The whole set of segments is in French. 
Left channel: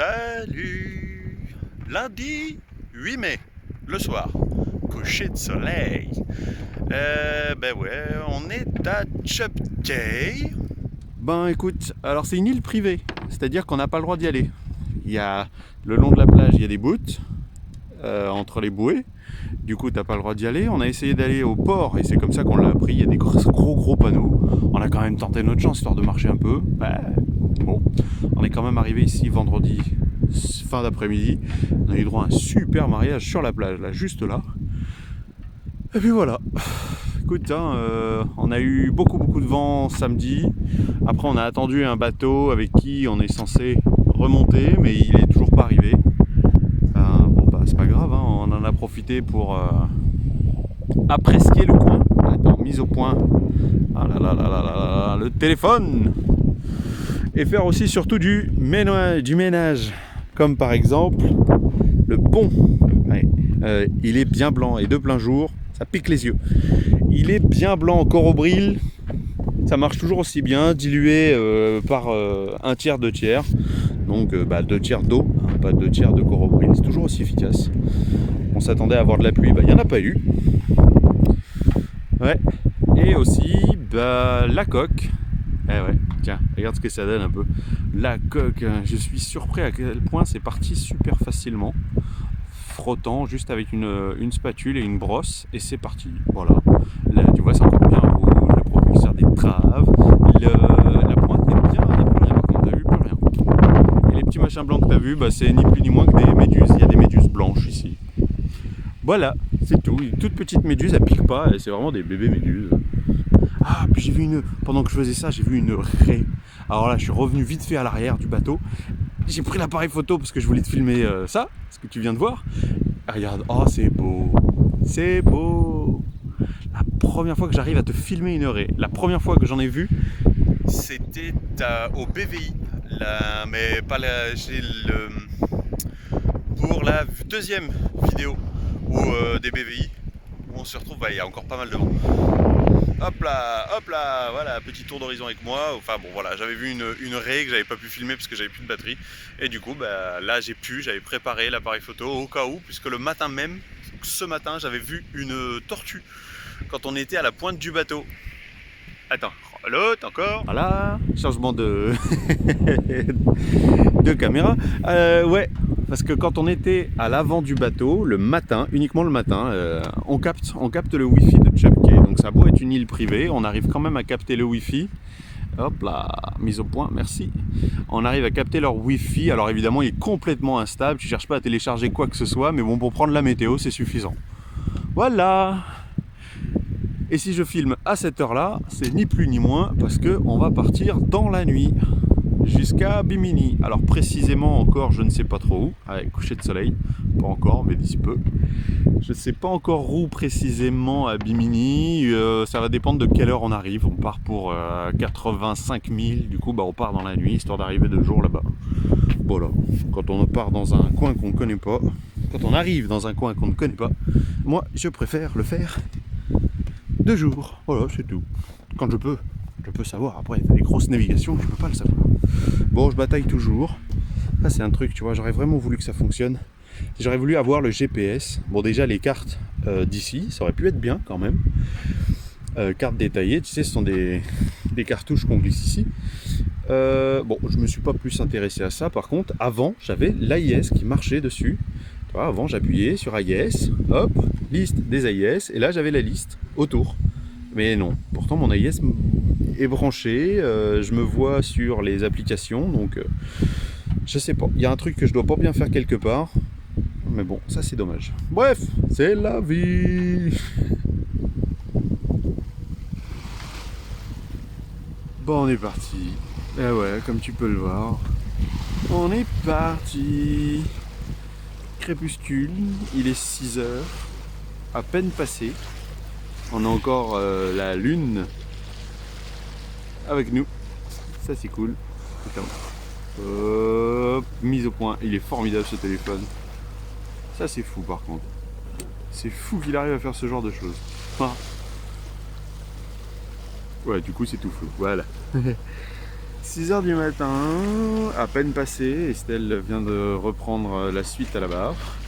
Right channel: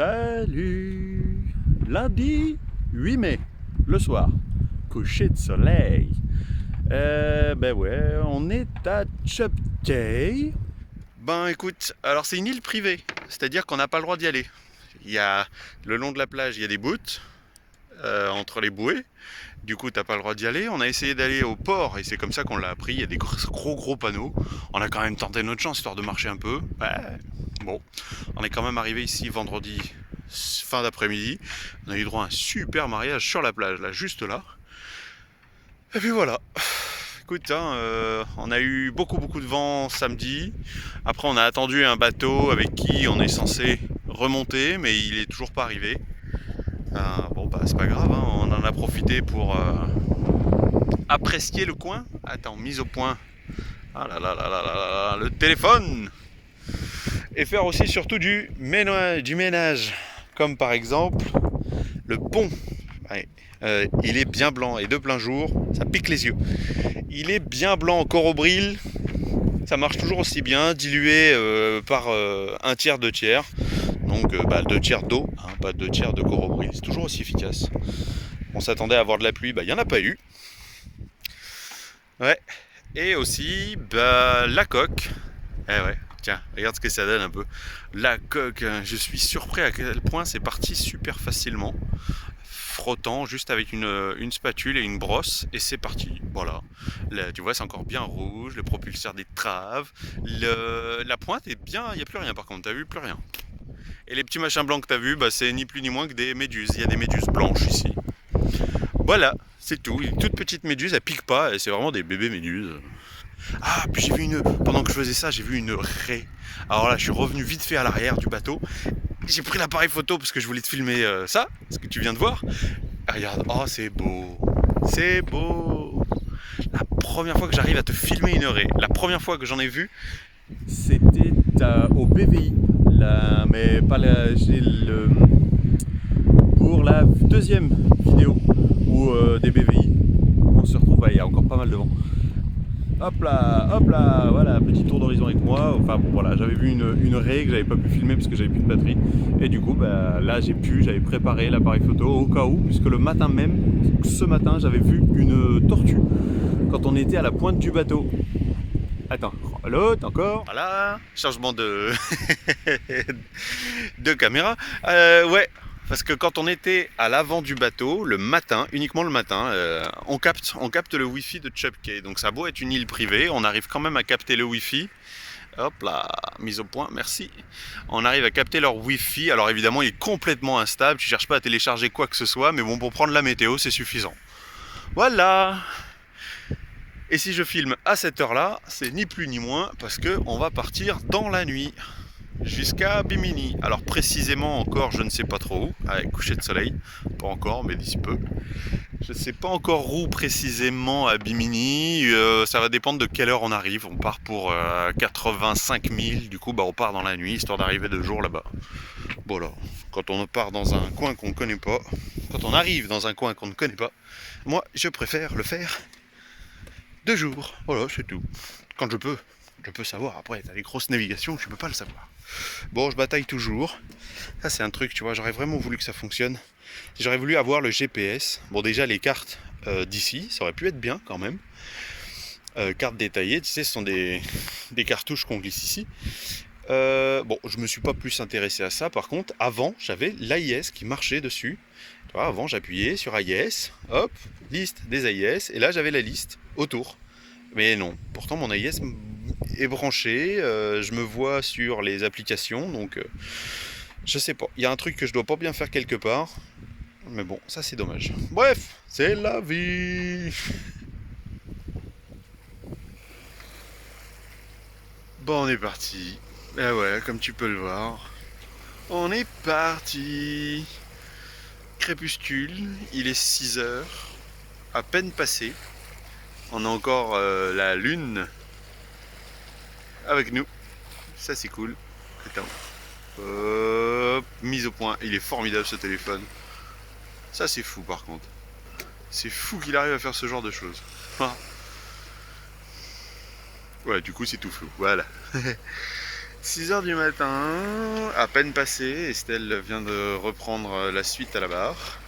Salut! Lundi 8 mai, le soir, coucher de soleil. Ben ouais, on est à Chubcay. Ben écoute, alors c'est une île privée, c'est-à-dire qu'on n'a pas le droit d'y aller. Il y a le long de la plage, il y a des bouttes entre les bouées. Du coup, t'as pas le droit d'y aller. On a essayé d'aller au port et c'est comme ça qu'on l'a appris. Il y a des gros panneaux. On a quand même tenté notre chance histoire de marcher un peu. Bon, on est quand même arrivé ici vendredi fin d'après-midi. On a eu droit à un super mariage sur la plage, là, juste là. Et puis voilà. Écoute, on a eu beaucoup de vent samedi. Après, on a attendu un bateau avec qui on est censé remonter, mais il est toujours pas arrivé. C'est pas grave, hein, on en a profité pour apprécier le coin. Attends, mise au point. Ah là là là là là, le téléphone. Et faire aussi surtout du ménage. Comme par exemple le pont. Ouais, il est bien blanc et de plein jour, ça pique les yeux. Il est bien blanc encore au bril. Ça marche toujours aussi bien, dilué par un tiers, 2 tiers. Donc 2 tiers d'eau, hein, pas 2 tiers de corobril, c'est toujours aussi efficace. On s'attendait à avoir de la pluie, il n'y en a pas eu. Ouais. Et aussi la coque. Eh ouais, tiens, regarde ce que ça donne un peu. La coque, je suis surpris à quel point c'est parti super facilement. Frottant juste avec une spatule et une brosse et c'est parti. Voilà. Là, tu vois, c'est encore bien rouge, le propulseur des traves, la pointe est bien, il n'y a plus rien par contre, t'as vu, plus rien. Et les petits machins blancs que t'as vu, c'est ni plus ni moins que des méduses. Il y a des méduses blanches ici. Voilà, c'est tout. Une toute petite méduse, elle pique pas, c'est vraiment des bébés méduses. Ah, puis j'ai vu pendant que je faisais ça, j'ai vu une raie. Alors là, je suis revenu vite fait à l'arrière du bateau. J'ai pris l'appareil photo parce que je voulais te filmer ça, ce que tu viens de voir. Et regarde, oh c'est beau. C'est beau. La première fois que j'arrive à te filmer une raie, la première fois que j'en ai vu, c'était au BVI. Mais pas pour la deuxième vidéo des BVI. On se retrouve, il y a encore pas mal de vent. Hop là, voilà, petit tour d'horizon avec moi. Enfin bon voilà, j'avais vu une raie que j'avais pas pu filmer parce que j'avais plus de batterie. Et du coup là j'avais préparé l'appareil photo au cas où, puisque le matin même, ce matin, j'avais vu une tortue quand on était à la pointe du bateau. Attends, l'autre encore, voilà, changement de caméra. Ouais, parce que quand on était à l'avant du bateau, le matin, uniquement le matin, on capte le wifi de Chubcay. Donc ça a beau être une île privée, on arrive quand même à capter le wifi. Hop là, mise au point, merci. On arrive à capter leur wifi. Alors évidemment, il est complètement instable. Tu cherches pas à télécharger quoi que ce soit, mais bon, pour prendre la météo, c'est suffisant. Voilà. Et si je filme à cette heure-là, c'est ni plus ni moins parce qu'on va partir dans la nuit jusqu'à Bimini. Alors précisément encore, je ne sais pas trop où, avec coucher de soleil, pas encore, mais d'ici peu. Je ne sais pas encore où précisément à Bimini, ça va dépendre de quelle heure on arrive. On part pour 85 000, du coup on part dans la nuit, histoire d'arriver de jour là-bas. Voilà, quand on part dans un coin qu'on ne connaît pas, quand on arrive dans un coin qu'on ne connaît pas, moi je préfère le faire 2 jours, voilà, c'est tout. Quand je peux savoir. Après, t'as les grosses navigations, je peux pas le savoir. Bon, je bataille toujours. Ça, c'est un truc, tu vois, j'aurais vraiment voulu que ça fonctionne. J'aurais voulu avoir le GPS. Bon, déjà, les cartes d'ici, ça aurait pu être bien quand même. Cartes détaillées, tu sais, ce sont des cartouches qu'on glisse ici. Bon, je me suis pas plus intéressé à ça. Par contre, avant, j'avais l'AIS qui marchait dessus. Tu vois, avant, j'appuyais sur AIS, hop, liste des AIS, et là, j'avais la liste autour. Mais non, pourtant, mon AIS est branché, je me vois sur les applications, donc je sais pas. Il y a un truc que je dois pas bien faire quelque part. Mais bon, ça, c'est dommage. Bref, c'est la vie. Bon, on est parti. Ah ouais, comme tu peux le voir. On est parti. Crépuscule, il est 6 h, à peine passé. On a encore la lune avec nous. Ça c'est cool. Attends. Mise au point. Il est formidable ce téléphone. Ça c'est fou par contre. C'est fou qu'il arrive à faire ce genre de choses. Ouais, du coup c'est tout flou. Voilà. 6 h du matin, à peine passé, Estelle vient de reprendre la suite à la barre.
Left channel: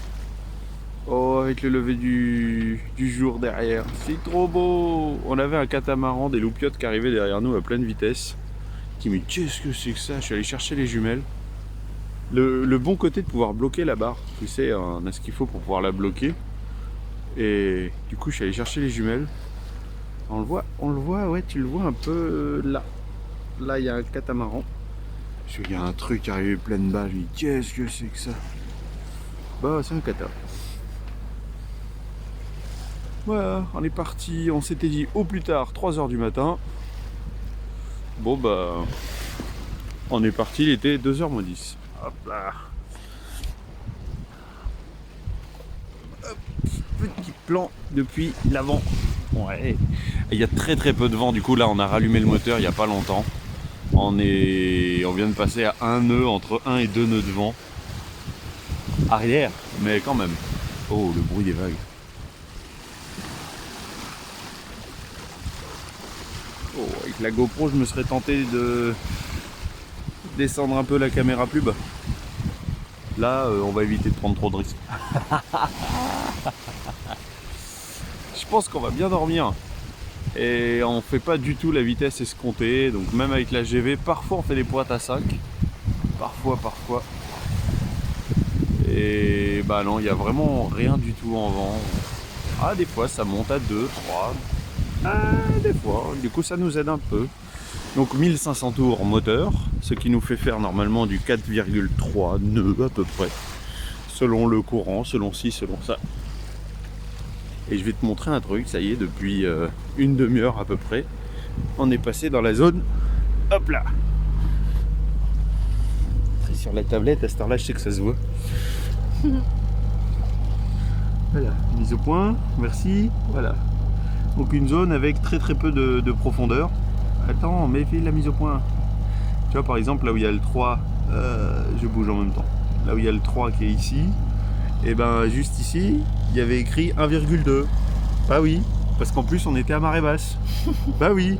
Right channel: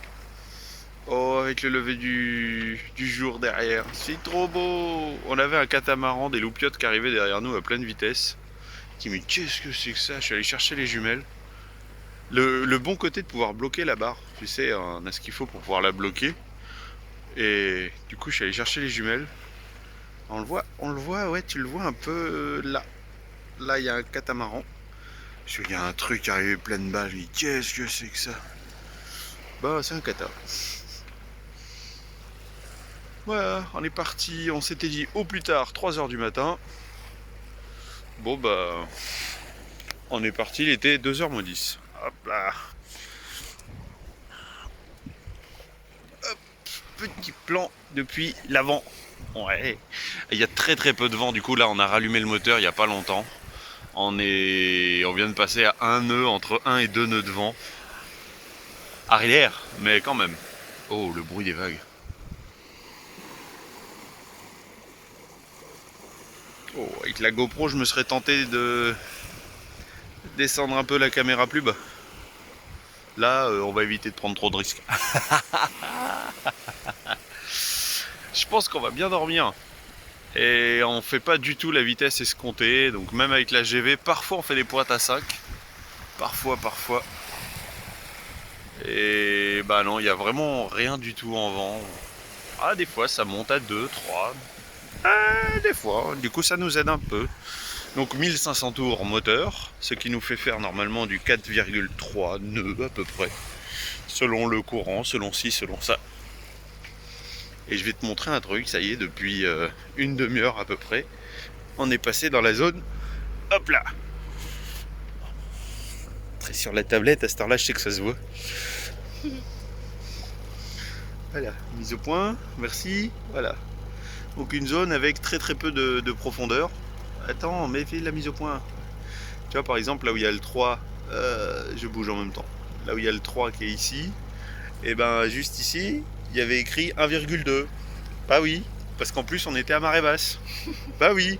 Oh, avec le lever du jour derrière, c'est trop beau. On avait un catamaran, des loupiottes qui arrivaient derrière nous à pleine vitesse. Je me dis, mais qu'est-ce que c'est que ça? Je suis allé chercher les jumelles. Le bon côté de pouvoir bloquer la barre, tu sais, on a ce qu'il faut pour pouvoir la bloquer. Et du coup, je suis allé chercher les jumelles. On le voit, ouais, tu le vois un peu là. Là, il y a un catamaran. Je vois qu'il y a un truc arrivé plein de balles. Je me dis, qu'est-ce que c'est que ça? Bah, c'est un cata. Voilà, on est parti. On s'était dit au plus tard 3 h du matin. Bon, bah, on est parti. Il était 2 h moins 10. Hop là. Hop, petit plan depuis l'avant. Ouais. Il y a très très peu de vent. Du coup, là, on a rallumé le moteur il n'y a pas longtemps. On vient de passer à un nœud, entre 1 et 2 nœuds de vent. Arrière, mais quand même. Oh, le bruit des vagues. Oh, avec la GoPro, je me serais tenté de descendre un peu la caméra plus bas. Là, on va éviter de prendre trop de risques. Je pense qu'on va bien dormir. Et on fait pas du tout la vitesse escomptée. Donc même avec la GV, parfois on fait des pointes à 5. Parfois. Et bah non, il n'y a vraiment rien du tout en vent. Ah, des fois ça monte à 2, 3. Des fois, du coup ça nous aide un peu. Donc 1500 tours moteur, ce qui nous fait faire normalement du 4,3 nœuds à peu près. Selon le courant, selon ci, selon ça. Et je vais te montrer un truc, ça y est, depuis une demi-heure à peu près, on est passé dans la zone, hop là. C'est sur la tablette, à cette heure-là, je sais que ça se voit. Voilà, mise au point, merci, voilà. Donc une zone avec très très peu de profondeur. Attends, mais fais la mise au point. Tu vois, par exemple, là où il y a le 3, je bouge en même temps. Là où il y a le 3 qui est ici, et ben juste ici, il y avait écrit 1,2. Bah oui, parce qu'en plus on était à marée basse. Bah oui.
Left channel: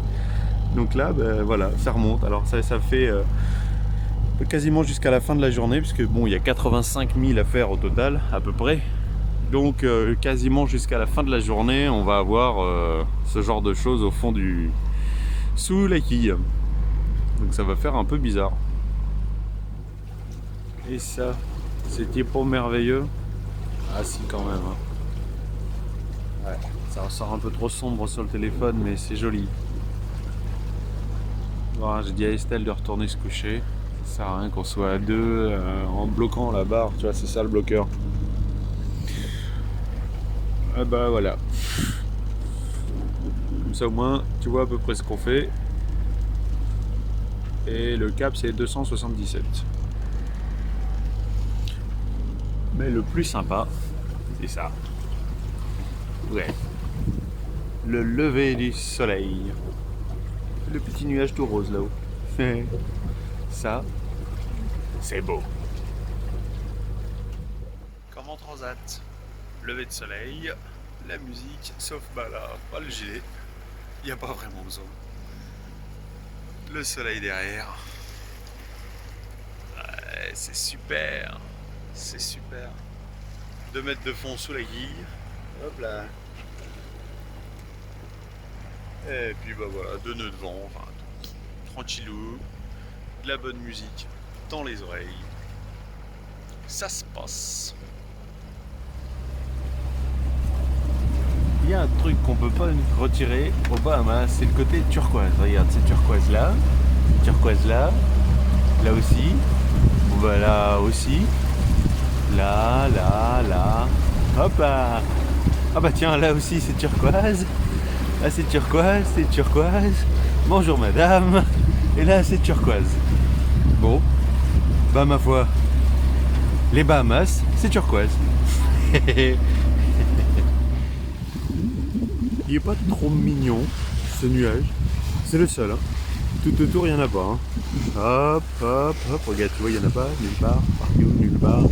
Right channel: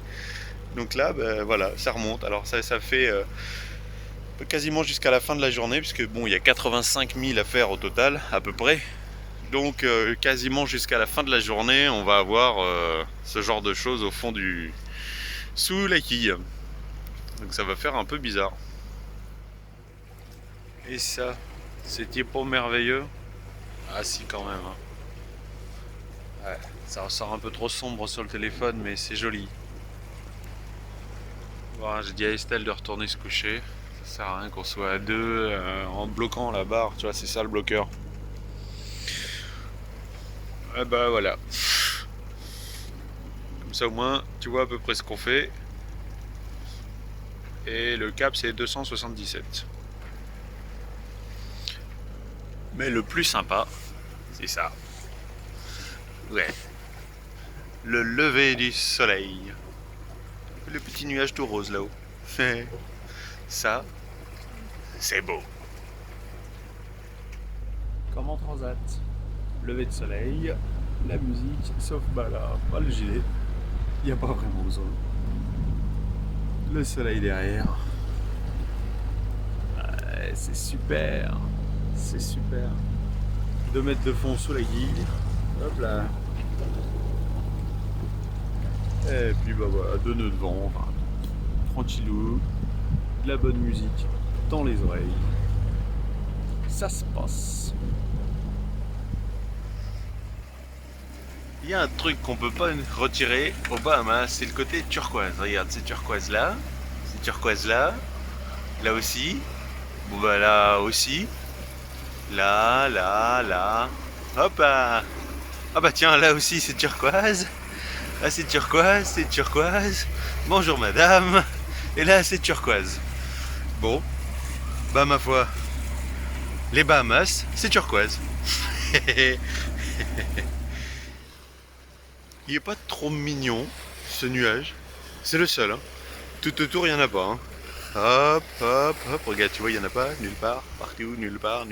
Donc là, bah, voilà, ça remonte. Alors ça fait quasiment jusqu'à la fin de la journée, puisque bon, il y a 85 000 à faire au total, à peu près. Donc quasiment jusqu'à la fin de la journée, on va avoir ce genre de choses au fond sous la quille. Donc ça va faire un peu bizarre. Et ça, c'était pas merveilleux. Ah si, quand même. Hein. Ouais, ça ressort un peu trop sombre sur le téléphone, mais c'est joli. Bon, j'ai dit à Estelle de retourner se coucher. Ça sert à rien qu'on soit à deux en bloquant la barre, tu vois, c'est ça le bloqueur. Ah bah voilà. Comme ça au moins, tu vois à peu près ce qu'on fait. Et le cap c'est 277. Mais le plus sympa, c'est ça. Ouais. Le lever du soleil. Le petit nuage tout rose là-haut. Ça, c'est beau. Comme en transat. Lever de soleil, la musique, sauf bah là, pas le gilet. Il n'y a pas vraiment besoin. Le soleil derrière. Ouais, c'est super. C'est super. 2 mètres de fond sous la guille. Hop là. Et puis bah voilà, 2 nœuds de vent, enfin, tranquillou, de la bonne musique dans les oreilles. Ça se passe. Il y a un truc qu'on peut pas retirer au Bahamas, c'est le côté turquoise. Regarde, c'est turquoise là, c'est turquoise là, là aussi, bon bah là aussi, là, hop là. Ah bah tiens, là aussi c'est turquoise. Là c'est turquoise. Bonjour madame. Et là c'est turquoise. Bon, bah ma foi, les Bahamas, c'est turquoise. Il est pas trop mignon ce nuage. C'est le seul. Hein. Tout autour il n'y en a pas. Hein. Hop, regarde, tu vois, il n'y en a pas, nulle part, partout, nulle part,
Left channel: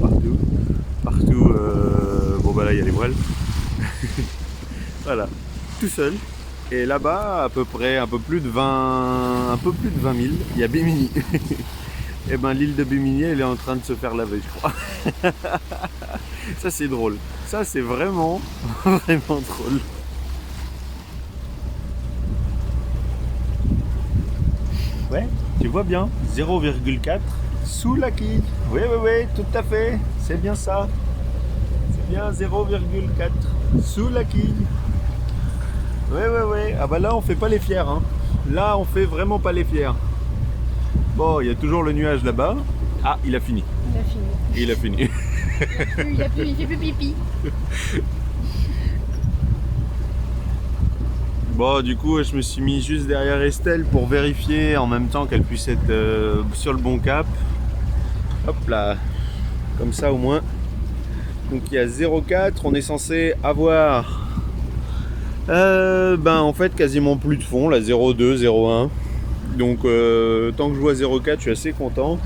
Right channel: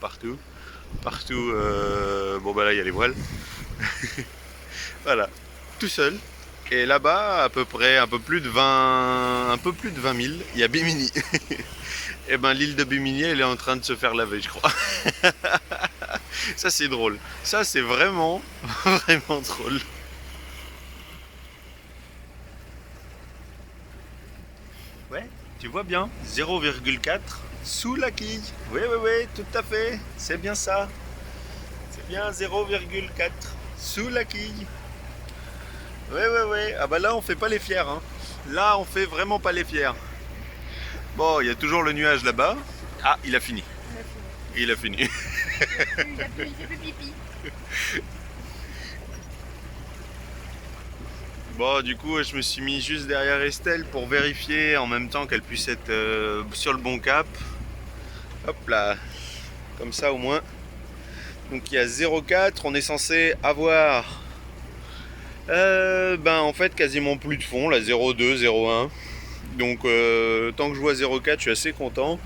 partout. Partout, bon bah là il y a les voiles. Voilà, tout seul. Et là-bas, à peu près un peu plus de 20 000, il y a Bimini. Et ben l'île de Bimini, elle est en train de se faire laver, je crois. Ça c'est drôle. Ça c'est vraiment, vraiment drôle. Ouais, tu vois bien, 0,4 sous la quille. Oui, oui, oui, tout à fait. C'est bien ça. C'est bien 0,4 sous la quille. Oui, oui, oui. Ah bah là, on fait pas les fiers. Hein. Là, on fait vraiment pas les fiers. Bon, il y a toujours le nuage là-bas. Ah, il a fini. Il a fini. Il a fait plus pipi. Bon, du coup, je me suis mis juste derrière Estelle pour vérifier en même temps qu'elle puisse être sur le bon cap. Hop là, comme ça au moins. Donc il y a 0,4, on est censé avoir en fait quasiment plus de fond, là 0,2, 0,1. Donc tant que je vois 0,4, je suis assez content.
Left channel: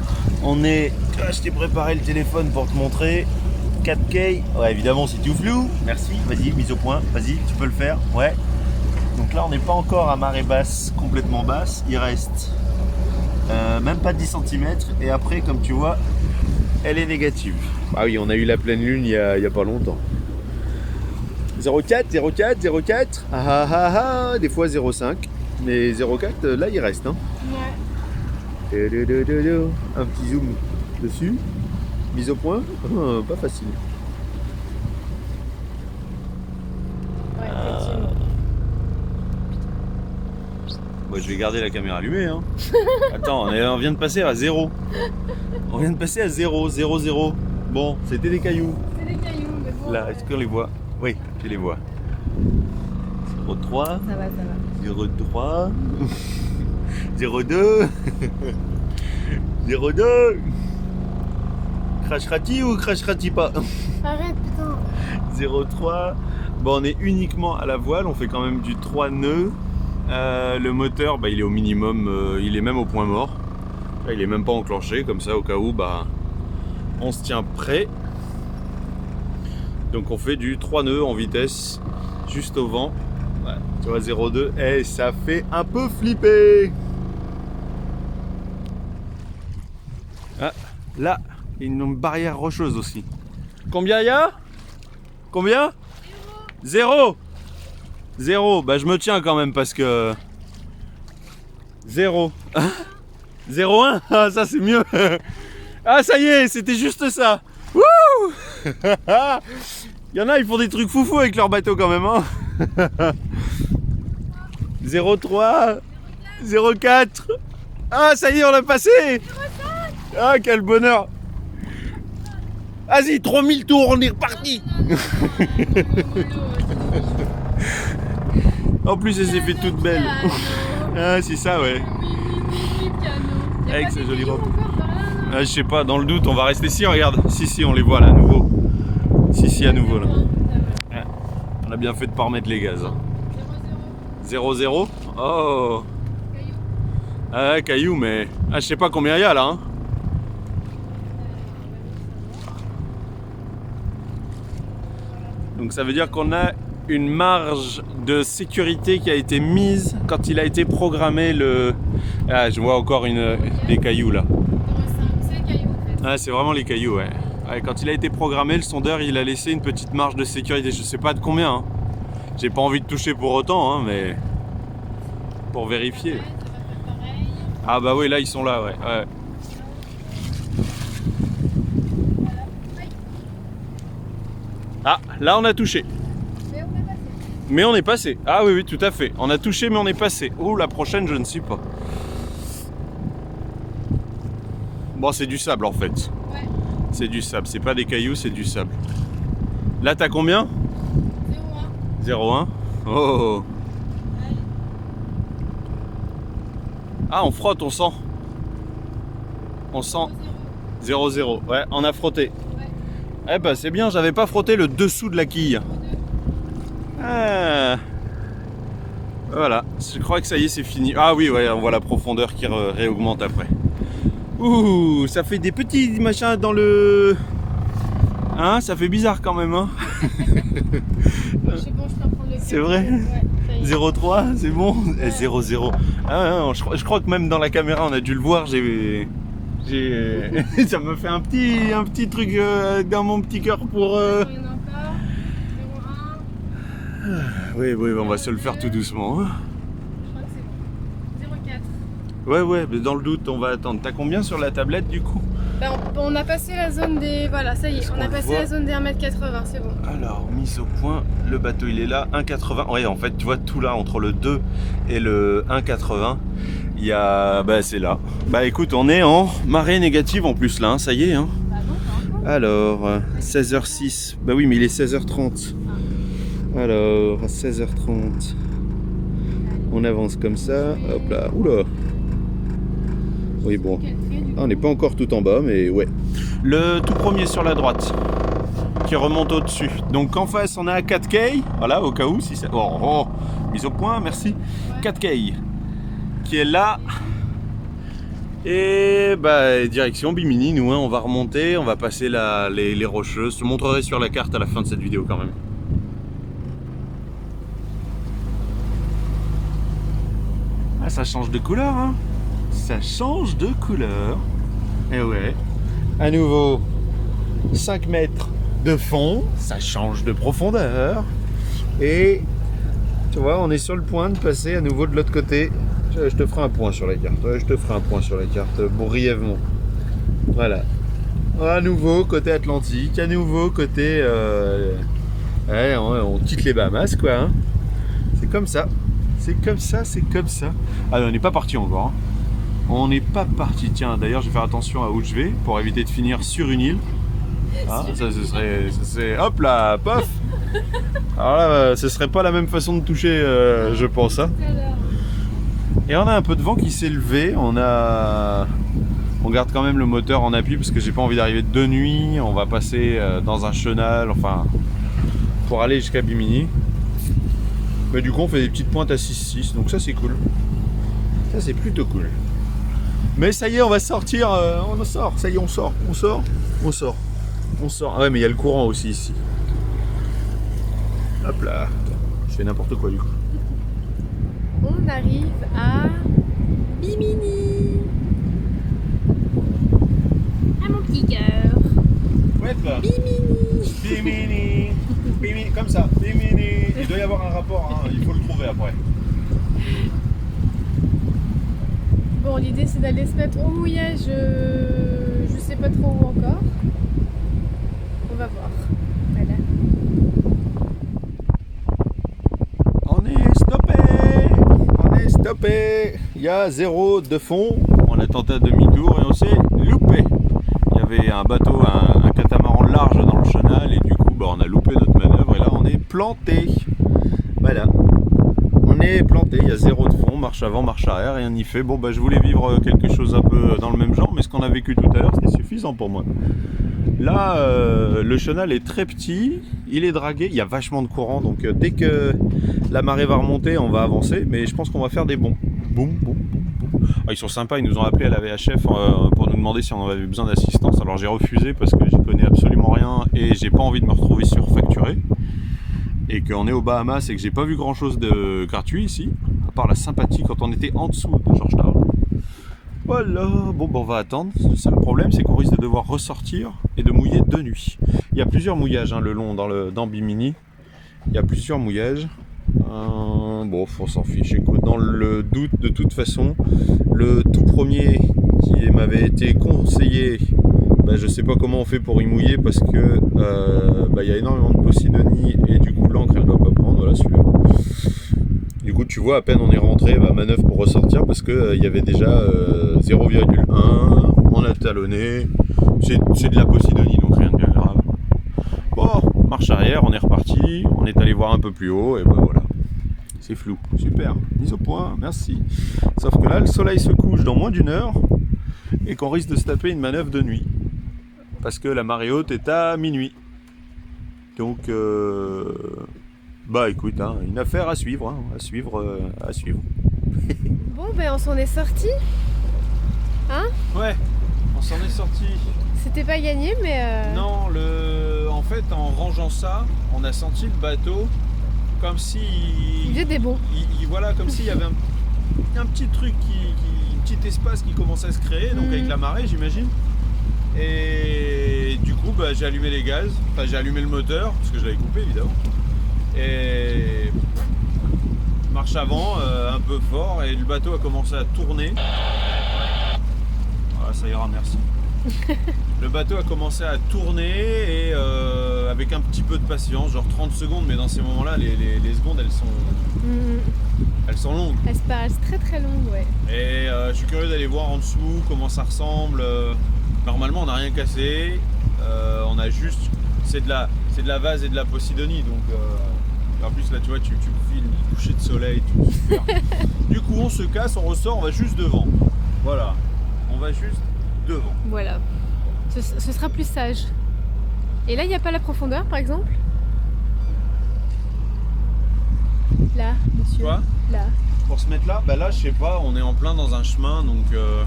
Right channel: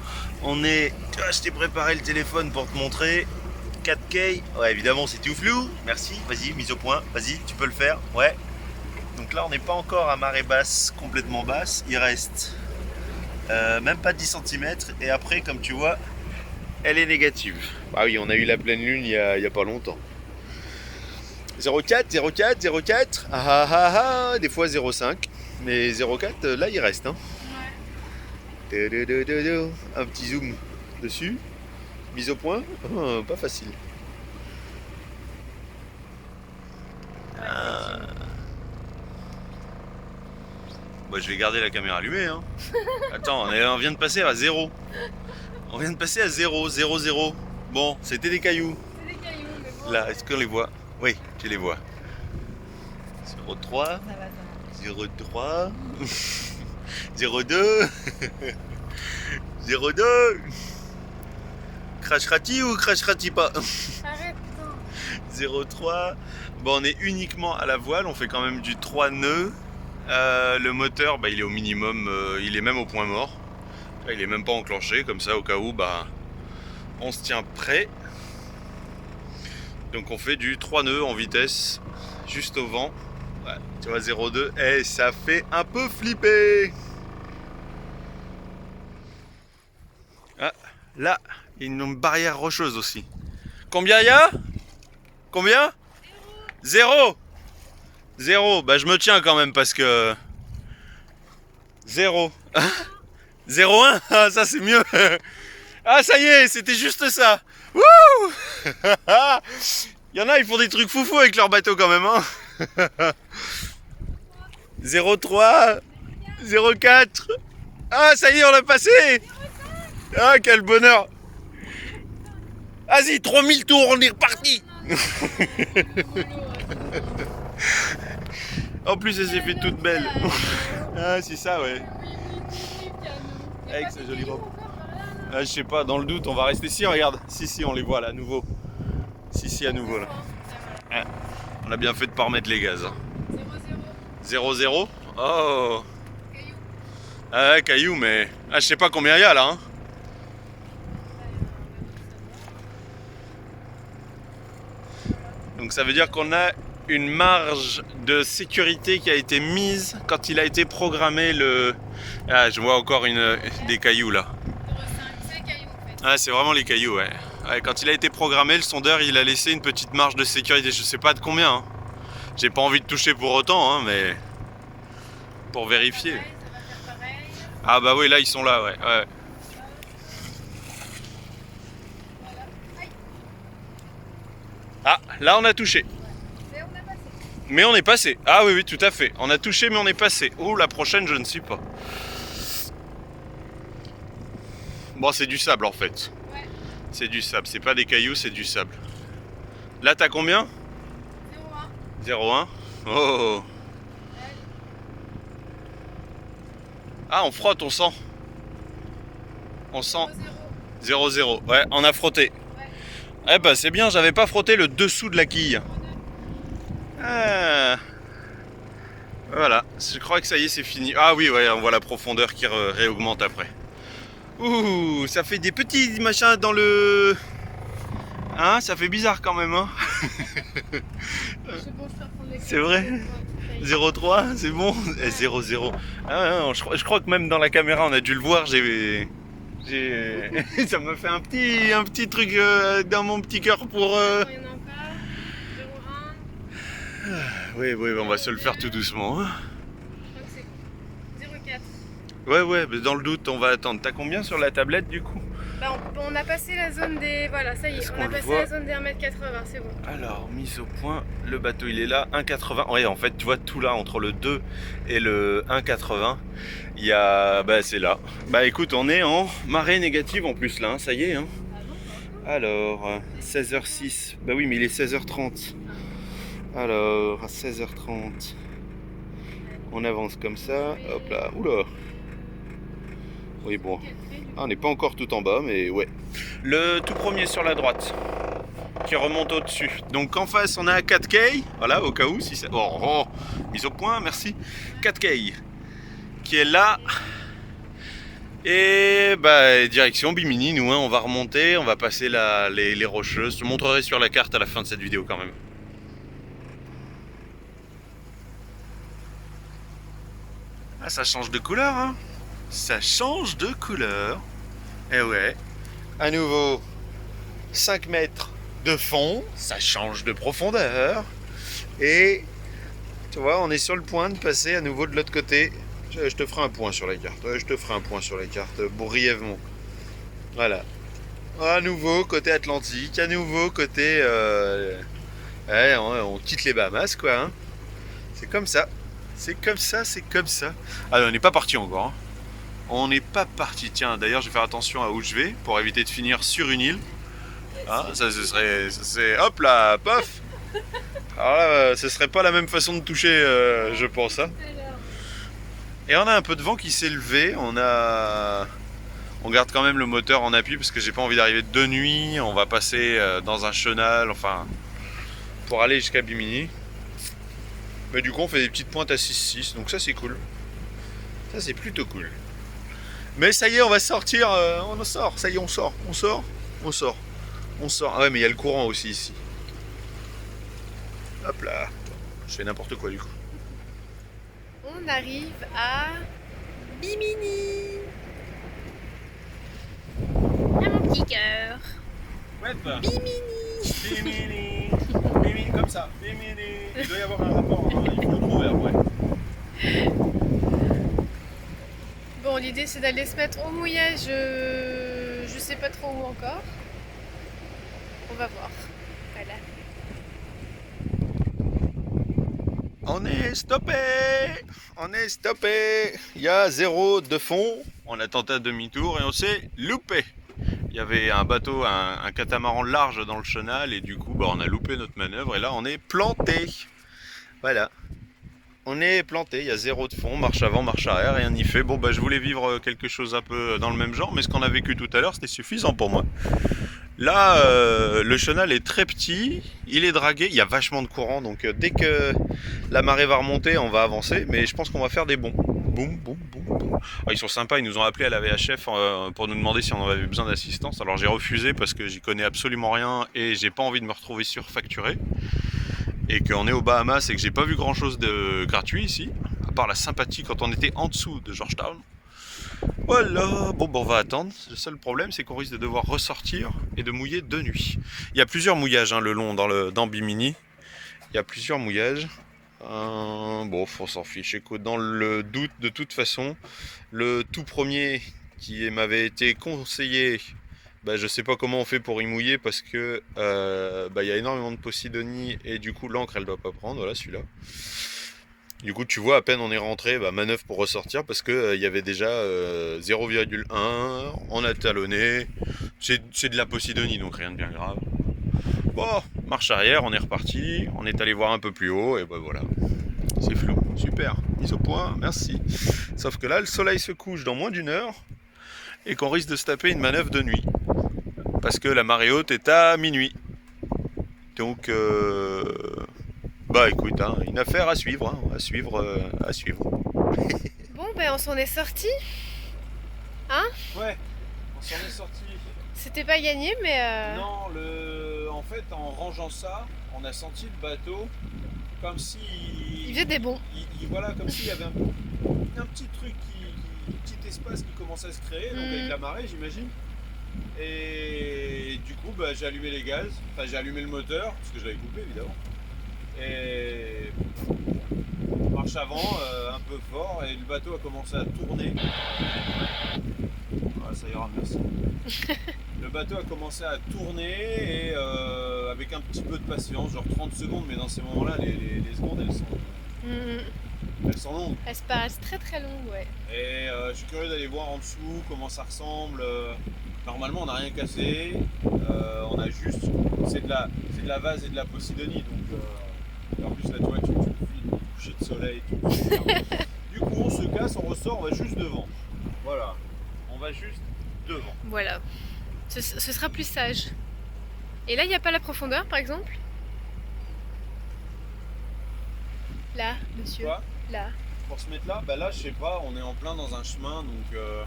On est, je t'ai préparé le téléphone pour te montrer. 4K, ouais évidemment c'est tout flou. Merci, vas-y, mise au point, vas-y, tu peux le faire, ouais. Donc là on n'est pas encore à marée basse, complètement basse, il reste même pas 10 cm et après comme tu vois, elle est négative. Ah oui, on a eu la pleine lune il y a pas longtemps. 0,4, 0,4, 0,4, ah ah ah, des fois 0,5, mais 0,4 là il reste. Hein. Ouais. Un petit zoom dessus, mise au point, pas facile. Moi, je vais garder la caméra allumée. Hein. Attends, on vient de passer à 0. On vient de passer à 0, 0, 0. Bon, c'était des cailloux. C'est des cailloux, mais bon. Là, est-ce qu'on les voit? Oui, tu les vois. 0,3. Ça va, ça va. 0,3. 0,2. 0,2. Crachera-t-il ou crachera-t-il pas? Arrête, putain. 0,3. Bon, on est uniquement à la voile. On fait quand même du 3 nœuds. Le moteur, il est au minimum. Il est même au point mort. Il est même pas enclenché. Comme ça, au cas où, on se tient prêt. Donc, on fait du 3 nœuds en vitesse. Juste au vent. Ouais, tu vois, 0,2. Et ça fait un peu flipper. Ah, là, il y a une barrière rocheuse aussi. Combien il y a? Combien? 0. 0. Bah je me tiens quand même parce que... 0. 0,1. Ah ça c'est mieux. Ah ça y est, c'était juste ça. Wouh. Il y en a, ils font des trucs foufous avec leur bateau quand même. Hein. 0,3. 0,4. Ah ça y est, on l'a passé. Ah quel bonheur. Vas-y, 3000 tours, on est reparti. En plus, elle s'est fait toute belle. Ah, c'est ça, ouais. Avec sa jolie robe. Ah, je sais pas, dans le doute, on va rester ici, regarde. Si, on les voit là, à nouveau. Si, à nouveau là. Ah, on a bien fait de pas remettre les gaz. 0,0. Oh. Ah, caillou, mais. Ah, je sais pas combien il y a là. Hein. Donc ça veut dire qu'on a une marge de sécurité qui a été mise quand il a été programmé le... Ah, je vois encore des cailloux là. C'est les cailloux en fait. Ah, c'est vraiment les cailloux, ouais. Ouais. Quand il a été programmé, le sondeur, il a laissé une petite marge de sécurité. Je sais pas de combien. Hein. J'ai pas envie de toucher pour autant, hein, mais... Pour vérifier. Ah bah oui, là, ils sont là, ouais. Ouais. Ah, là, on a touché. Mais on est passé. Ah oui, tout à fait. On a touché, mais on est passé. Oh, la prochaine, je ne sais pas. Bon, c'est du sable, en fait. Ouais. C'est du sable. C'est pas des cailloux, c'est du sable. Là, t'as combien? 0,1. 0,1. Oh. Ah, on frotte, on sent. On sent. 0,0. Ouais, on a frotté. Ouais. Eh ben, c'est bien, j'avais pas frotté le dessous de la quille. Ah. Voilà, je crois que ça y est, c'est fini. Ah oui, ouais, on voit la profondeur qui réaugmente après. Ouh, ça fait des petits machins dans le... Hein, ça fait bizarre quand même, hein. C'est bon, je peux reprendre les C'est vrai? Ouais. 0,3, c'est bon. 0,0. Ah, non, je crois que même dans la caméra, on a dû le voir. Ça me fait un petit truc dans mon petit cœur pour. Il n'y en a pas. 0,1. Oui, on va se le faire tout doucement. Hein. Je crois que c'est 0,4. Ouais, mais dans le doute, on va attendre. T'as combien sur la tablette du coup? Bah, on a passé la zone des... Voilà, ça y est, on a passé la zone des 1,80 m, c'est bon. Alors, mise au point, le bateau il est là, 1,80. Ouais, en fait, tu vois tout là, entre le 2 et le 1,80, il y a... Bah, c'est là. Bah, écoute, on est en marée négative en plus là, hein, ça y est. Hein. Bah non, pas encore. Alors, 16h06. Bah oui, mais il est 16h30. Alors, à 16h30, on avance comme ça. Hop là, oula. Oui, bon. Ah, on n'est pas encore tout en bas, mais ouais. Le tout premier sur la droite, qui remonte au-dessus. Donc en face, on a 4K. Voilà, au cas où, si c'est... Oh, mise au point, merci. 4K, qui est là. Et bah, direction Bimini, nous, hein, on va remonter, on va passer les rocheuses. Je te montrerai sur la carte à la fin de cette vidéo quand même. Ah, ça change de couleur, hein. Ça change de couleur. Et ouais. À nouveau, 5 mètres de fond, ça change de profondeur. Et tu vois, on est sur le point de passer à nouveau de l'autre côté. Je te ferai un point sur la carte. Ouais, je te ferai un point sur la carte, brièvement. Voilà. À nouveau, côté Atlantique. À nouveau, côté... Ouais, on quitte les Bahamas, quoi. Hein. C'est comme ça. C'est comme ça, c'est comme ça. Ah, on n'est pas parti encore. Hein. On n'est pas parti. Tiens, d'ailleurs, je vais faire attention à où je vais pour éviter de finir sur une île. Ah, ça, ce serait... Hop là, paf. Alors là, ce serait pas la même façon de toucher, je pense. Hein. Et on a un peu de vent qui s'est levé. On garde quand même le moteur en appui parce que j'ai pas envie d'arriver de nuit. On va passer dans un chenal, enfin, pour aller jusqu'à Bimini. Mais du coup, on fait des petites pointes à 6,6. Donc ça, c'est cool. Ça, c'est plutôt cool. Mais ça y est, on va sortir, on sort, ça y est, on sort. Ah ouais, mais il y a le courant aussi ici. Hop là, je fais n'importe quoi du coup. On arrive à Bimini. À mon petit cœur. Ouais, Bimini. Bimini, comme ça, Bimini. Il doit y avoir un rapport, hein. Il faut le trouver après. Bon, l'idée c'est d'aller se mettre au mouillage, je sais pas trop où encore. On va voir. Voilà. On est stoppé. Il y a 0 de fond. On a tenté à demi-tour et on s'est loupé. Il y avait un bateau, un catamaran large dans le chenal et du coup, bah, on a loupé notre manœuvre et là, on est planté. Voilà. On est planté, il y a 0 de fond, marche avant, marche arrière, rien n'y fait. Bon, bah, je voulais vivre quelque chose un peu dans le même genre, mais ce qu'on a vécu tout à l'heure, c'était suffisant pour moi. Là, le chenal est très petit, il est dragué, il y a vachement de courant, donc dès que la marée va remonter, on va avancer, mais je pense qu'on va faire des bonds. Boum. Ah, ils sont sympas, ils nous ont appelé à la VHF pour nous demander si on avait besoin d'assistance. Alors j'ai refusé parce que j'y connais absolument rien et j'ai pas envie de me retrouver surfacturé. Et qu'on est aux Bahamas et que j'ai pas vu grand chose de gratuit ici, à part la sympathie quand on était en dessous de Georgetown. Voilà, bon, on va attendre. Le seul problème, c'est qu'on risque de devoir ressortir et de mouiller de nuit. Il y a plusieurs mouillages, hein, le long dans Bimini. Il y a plusieurs mouillages. Bon, on s'en fiche. Écoute, dans le doute, de toute façon, le tout premier qui m'avait été conseillé, bah, je sais pas comment on fait pour y mouiller parce que y a énormément de Posidonie et du coup l'encre elle doit pas prendre. Voilà celui-là. Du coup tu vois à peine on est rentré, manœuvre pour ressortir parce que il y avait déjà 0,1, on a talonné, c'est de la Posidonie donc rien de bien grave. Bon, marche arrière, on est reparti, on est allé voir un peu plus haut et voilà. C'est flou, super, mise au point, merci. Sauf que là le soleil se couche dans moins d'1 heure et qu'on risque de se taper une manœuvre de nuit. Parce que la marée haute est à minuit. Donc, écoute, hein, une affaire à suivre, hein, à suivre. Bon, on s'en est sorti. Hein? Ouais, on s'en est sorti. C'était pas gagné, mais... Non, en fait, en rangeant ça, on a senti le bateau comme si Il faisait des bons. Voilà, comme s'il y avait un petit truc un petit espace qui commençait à se créer, donc avec la marée, j'imagine. Et du coup, j'ai allumé les gaz, enfin j'ai allumé le moteur parce que je l'avais coupé évidemment. Et marche avant, un peu fort, et le bateau a commencé à tourner. Voilà, ça ira, merci. Le bateau a commencé à tourner et avec un petit peu de patience, genre 30 secondes, mais dans ces moments-là, les secondes elles sont longues. Elles se paraissent très très longues, ouais. Et je suis curieux d'aller voir en dessous comment ça ressemble. Normalement, on n'a rien cassé. On a juste, c'est de la vase et de la Posidonie, donc en plus là, tu vois, tu files le coucher de soleil, tout. Du coup, on se casse, on ressort, on va juste devant. Voilà, on va juste devant. Voilà. Ce sera plus sage. Et là, il n'y a pas la profondeur, par exemple? Là, monsieur. Quoi? Là. Pour se mettre là, là, je sais pas, on est en plein dans un chemin, donc.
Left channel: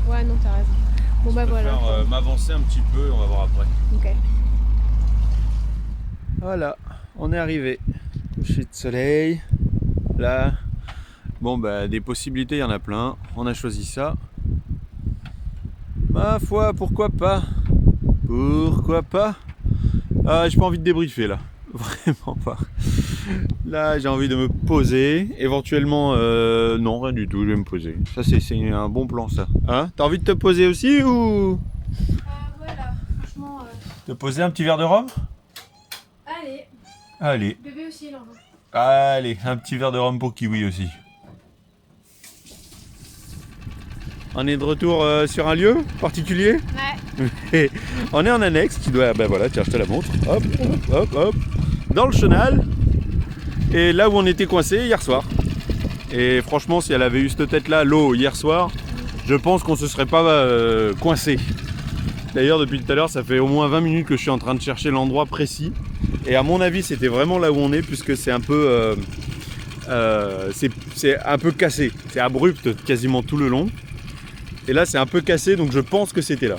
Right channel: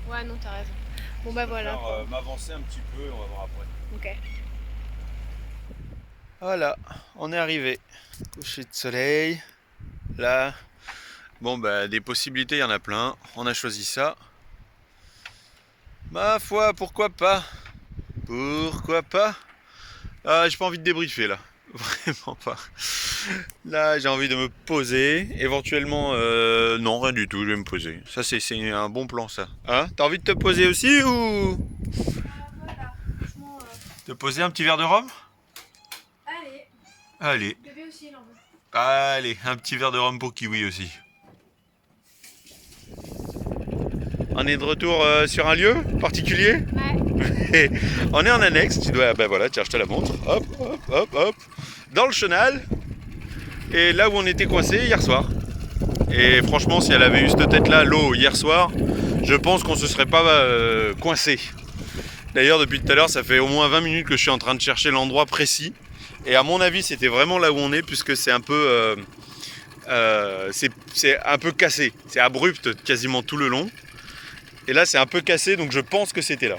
Ouais, non, t'as raison. Bon, je voilà. préfère, m'avancer un petit peu, on va voir après. Ok. Voilà, on est arrivé. Coucher de soleil. Là. Bon, des possibilités, il y en a plein. On a choisi ça. Ma foi, pourquoi pas? Pourquoi pas? Ah, j'ai pas envie de débriefer là. Vraiment pas. Là, j'ai envie de me poser. Éventuellement, non, rien du tout, je vais me poser. Ça, c'est un bon plan, ça. Hein? T'as envie de te poser aussi ou? Voilà, franchement. Te poser un petit verre de rhum? Allez. Allez. Bébé aussi, il en veut. Allez, un petit verre de rhum pour Kiwi aussi. On est de retour sur un lieu particulier? Ouais. On est en annexe, tu dois, voilà, tiens, je te la montre. Hop, hop, hop, hop. Dans le chenal. Et là où on était coincé hier soir. Et franchement, si elle avait eu cette tête-là, l'eau, hier soir, je pense qu'on se serait pas coincé. D'ailleurs, depuis tout à l'heure, ça fait au moins 20 minutes que je suis en train de chercher l'endroit précis. Et à mon avis, c'était vraiment là où on est, puisque c'est un peu, c'est un peu cassé. C'est abrupt quasiment tout le long. Et là, c'est un peu cassé, donc je pense que c'était là.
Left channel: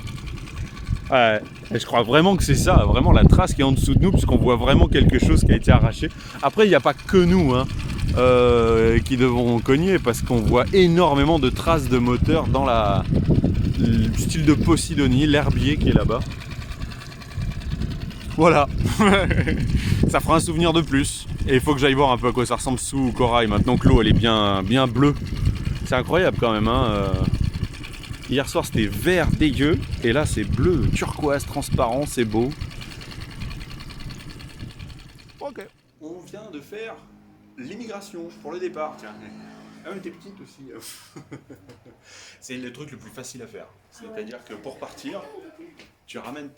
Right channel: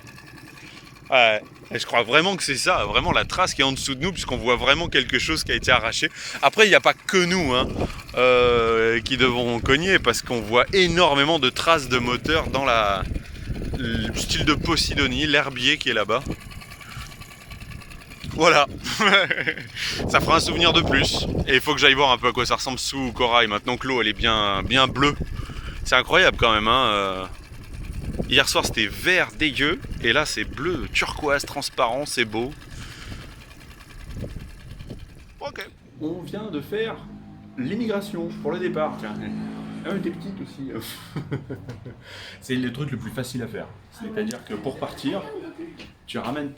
Ouais, je crois vraiment que c'est ça, vraiment la trace qui est en dessous de nous, puisqu'on voit vraiment quelque chose qui a été arraché. Après, il n'y a pas que nous qui devons cogner, parce qu'on voit énormément de traces de moteur dans le style de Posidonie, l'herbier qui est là-bas. Voilà, ça fera un souvenir de plus. Et il faut que j'aille voir un peu à quoi ça ressemble sous corail, maintenant que l'eau elle est bien bleue. C'est incroyable quand même, Hier soir c'était vert dégueu et là c'est bleu turquoise transparent, c'est beau. Ok. On vient de faire l'immigration pour le départ. Tiens. Ah mais t'es petite aussi. C'est le truc le plus facile à faire. C'est-à-dire que pour partir, tu ramènes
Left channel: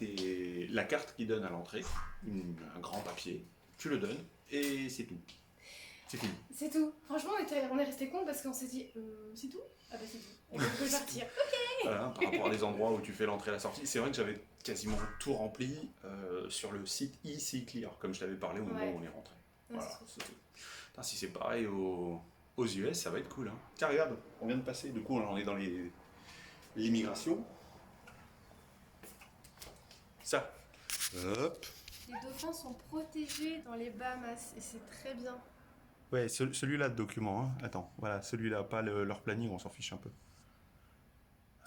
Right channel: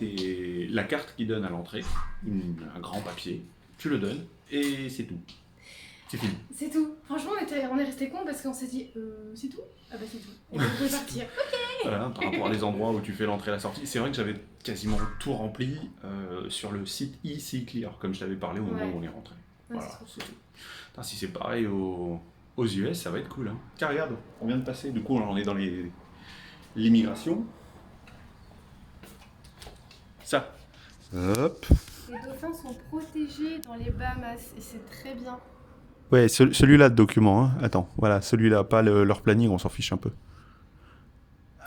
la carte qui donne à l'entrée, un grand papier, tu le donnes et c'est tout. C'est fini. C'est tout. Franchement, on est resté con parce qu'on s'est dit, c'est tout? Ah bah c'est tout. Et donc, vous pouvez partir. Ok. Voilà, par rapport à les endroits où tu fais l'entrée et la sortie. C'est vrai que j'avais quasiment tout rempli sur le site eClear, comme je t'avais parlé au moment où on est rentré. Ouais, voilà. Putain, si c'est pareil aux US, ça va être cool. Car regarde, on vient de passer, du coup on est dans l'immigration. Ça. Hop. Les dauphins sont protégés dans les Bahamas et c'est très bien. Ouais, celui-là de document. Attends, voilà, celui-là, pas leur planning, on s'en fiche un peu.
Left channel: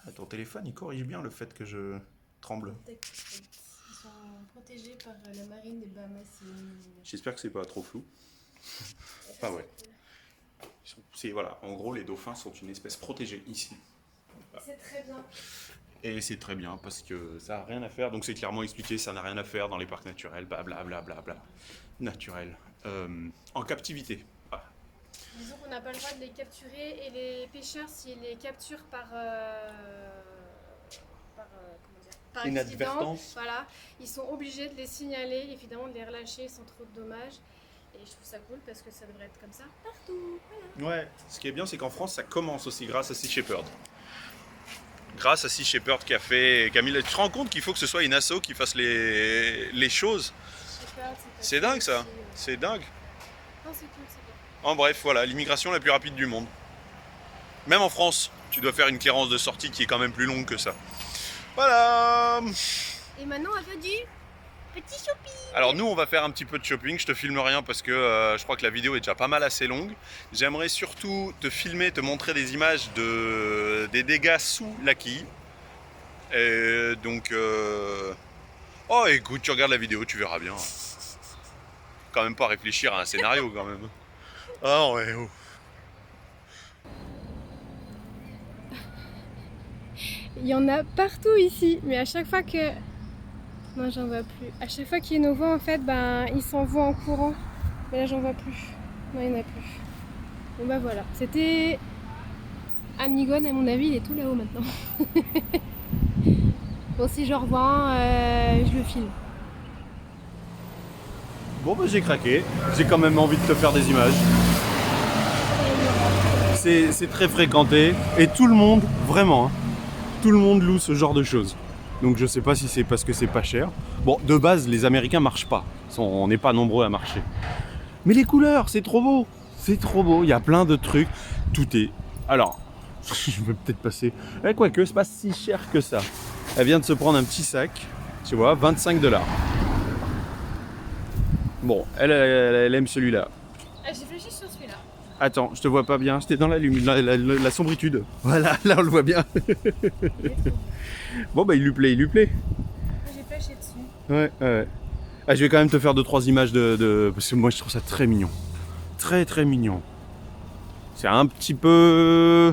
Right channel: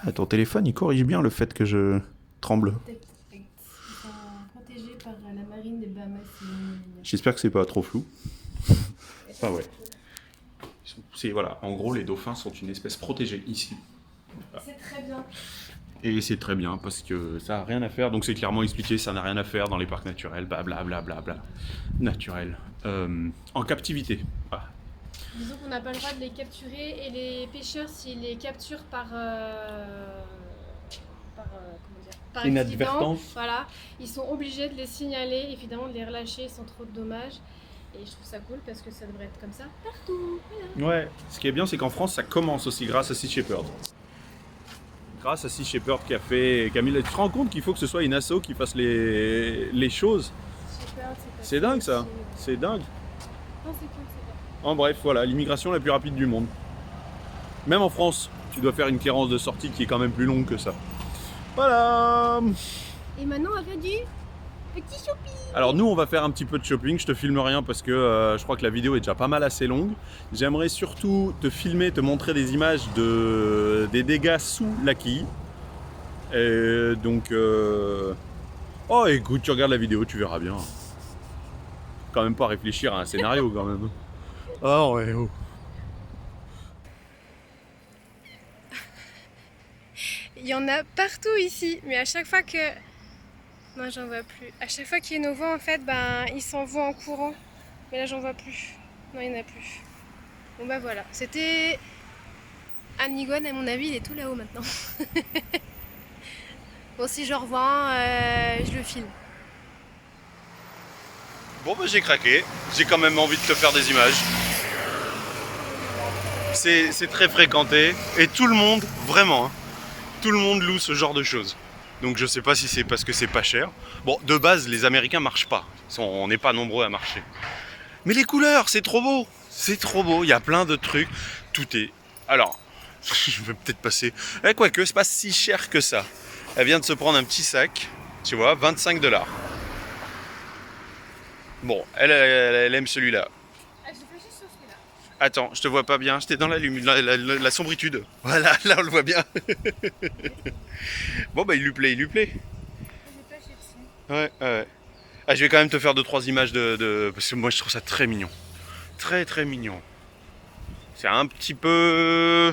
Ah, ton téléphone, il corrige bien le fait que je tremble. Ils sont protégés par la marine des Bahamas. J'espère que c'est pas trop flou. Ah ouais. Voilà, en gros, les dauphins sont une espèce protégée ici. Voilà. C'est très bien. Et c'est très bien parce que ça n'a rien à faire. Donc c'est clairement expliqué, ça n'a rien à faire dans les parcs naturels, blablabla. Naturel. En captivité. Voilà. Disons qu'on n'a pas le droit de les capturer et les pêcheurs, s'ils les capturent par accident, voilà, ils sont obligés de les signaler, évidemment de les relâcher sans trop de dommages. Et je trouve ça cool parce que ça devrait être comme ça partout. Voilà. Ouais, ce qui est bien, c'est qu'en France, ça commence aussi grâce à Sea Shepherd. Grâce à Sea Shepherd qui a mis... Tu te rends compte qu'il faut que ce soit une asso qui fasse les choses. C'est dingue ça, c'est dingue. Non, c'est tout, c'est bien. En bref, voilà, l'immigration la plus rapide du monde. Même en France, tu dois faire une clearance de sortie qui est quand même plus longue que ça. Voilà. Et maintenant, elle veut du Petit shopping. Alors nous on va faire un petit peu de shopping, je te filme rien parce que je crois que la vidéo est déjà pas mal assez longue. J'aimerais surtout te filmer, te montrer des images des dégâts sous la quille. Et donc oh écoute, tu regardes la vidéo, tu verras bien. Quand même pas réfléchir à un scénario quand même. Ah ouais oh. Il y en a partout ici, mais à chaque fois que... Non, j'en vois plus. À chaque fois qu'il y a nos voix, en fait, ben, ils s'envoient en courant. Mais là, j'en vois plus. Non, il n'y en a plus. Bon, bah voilà. C'était... Anigone, à mon avis, il est tout là-haut maintenant. Bon, si je revois un, je le filme. Bon bah j'ai craqué, j'ai quand même envie de te faire des images. C'est très fréquenté et tout le monde, vraiment, hein, tout le monde loue ce genre de choses. Donc je sais pas si c'est parce que c'est pas cher. Bon, de base, les Américains marchent pas. On n'est pas nombreux à marcher. Mais les couleurs, c'est trop beau. C'est trop beau. Il y a plein de trucs. Tout est... Alors, je vais peut-être passer... quoique, c'est pas si cher que ça. Elle vient de se prendre un petit sac. Tu vois, 25 $. Bon, elle aime celui-là. J'ai réfléchi sur celui-là. Attends, je te vois pas bien. J'étais dans la sombritude. Voilà, là on le voit bien. Bon bah il lui plaît, il lui plaît. J'ai flashé dessus. Ouais, ouais. Ah, je vais quand même te faire 2-3 images parce que moi je trouve ça très mignon. Très très mignon. C'est un petit peu...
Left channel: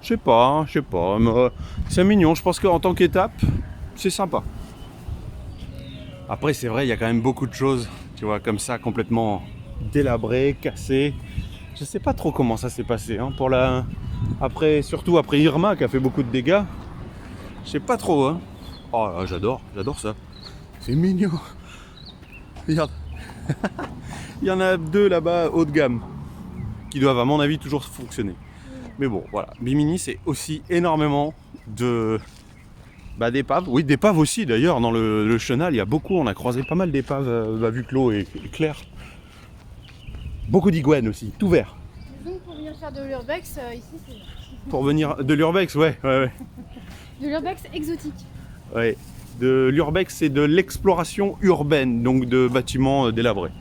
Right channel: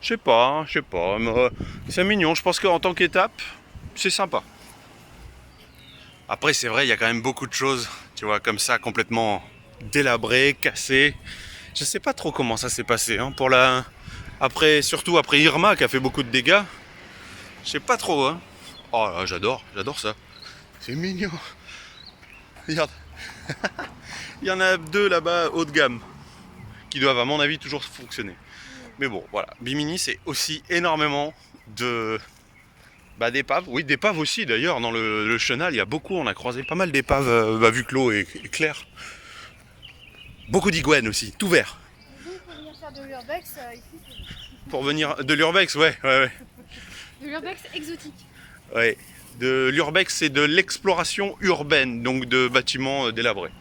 Je sais pas. Mais c'est mignon. Je pense qu'en tant qu'étape, c'est sympa. Après c'est vrai, il y a quand même beaucoup de choses, tu vois, comme ça, complètement délabrées, cassées. Je sais pas trop comment ça s'est passé, hein, surtout après Irma qui a fait beaucoup de dégâts. Je sais pas trop, hein. Oh là, j'adore ça. C'est mignon. Regarde. Il y en a 2 là-bas haut de gamme qui doivent à mon avis toujours fonctionner. Mais bon, voilà. Bimini c'est aussi énormément d'épaves. Oui, d'épaves aussi d'ailleurs. Dans le chenal, il y a beaucoup. On a croisé pas mal d'épaves vu que l'eau est claire. Beaucoup d'iguanes aussi, tout vert. Donc pour venir faire de l'urbex, ici c'est... Pour venir de l'urbex, ouais. De l'urbex exotique. Ouais. De l'urbex, c'est de l'exploration urbaine, donc de bâtiments délabrés.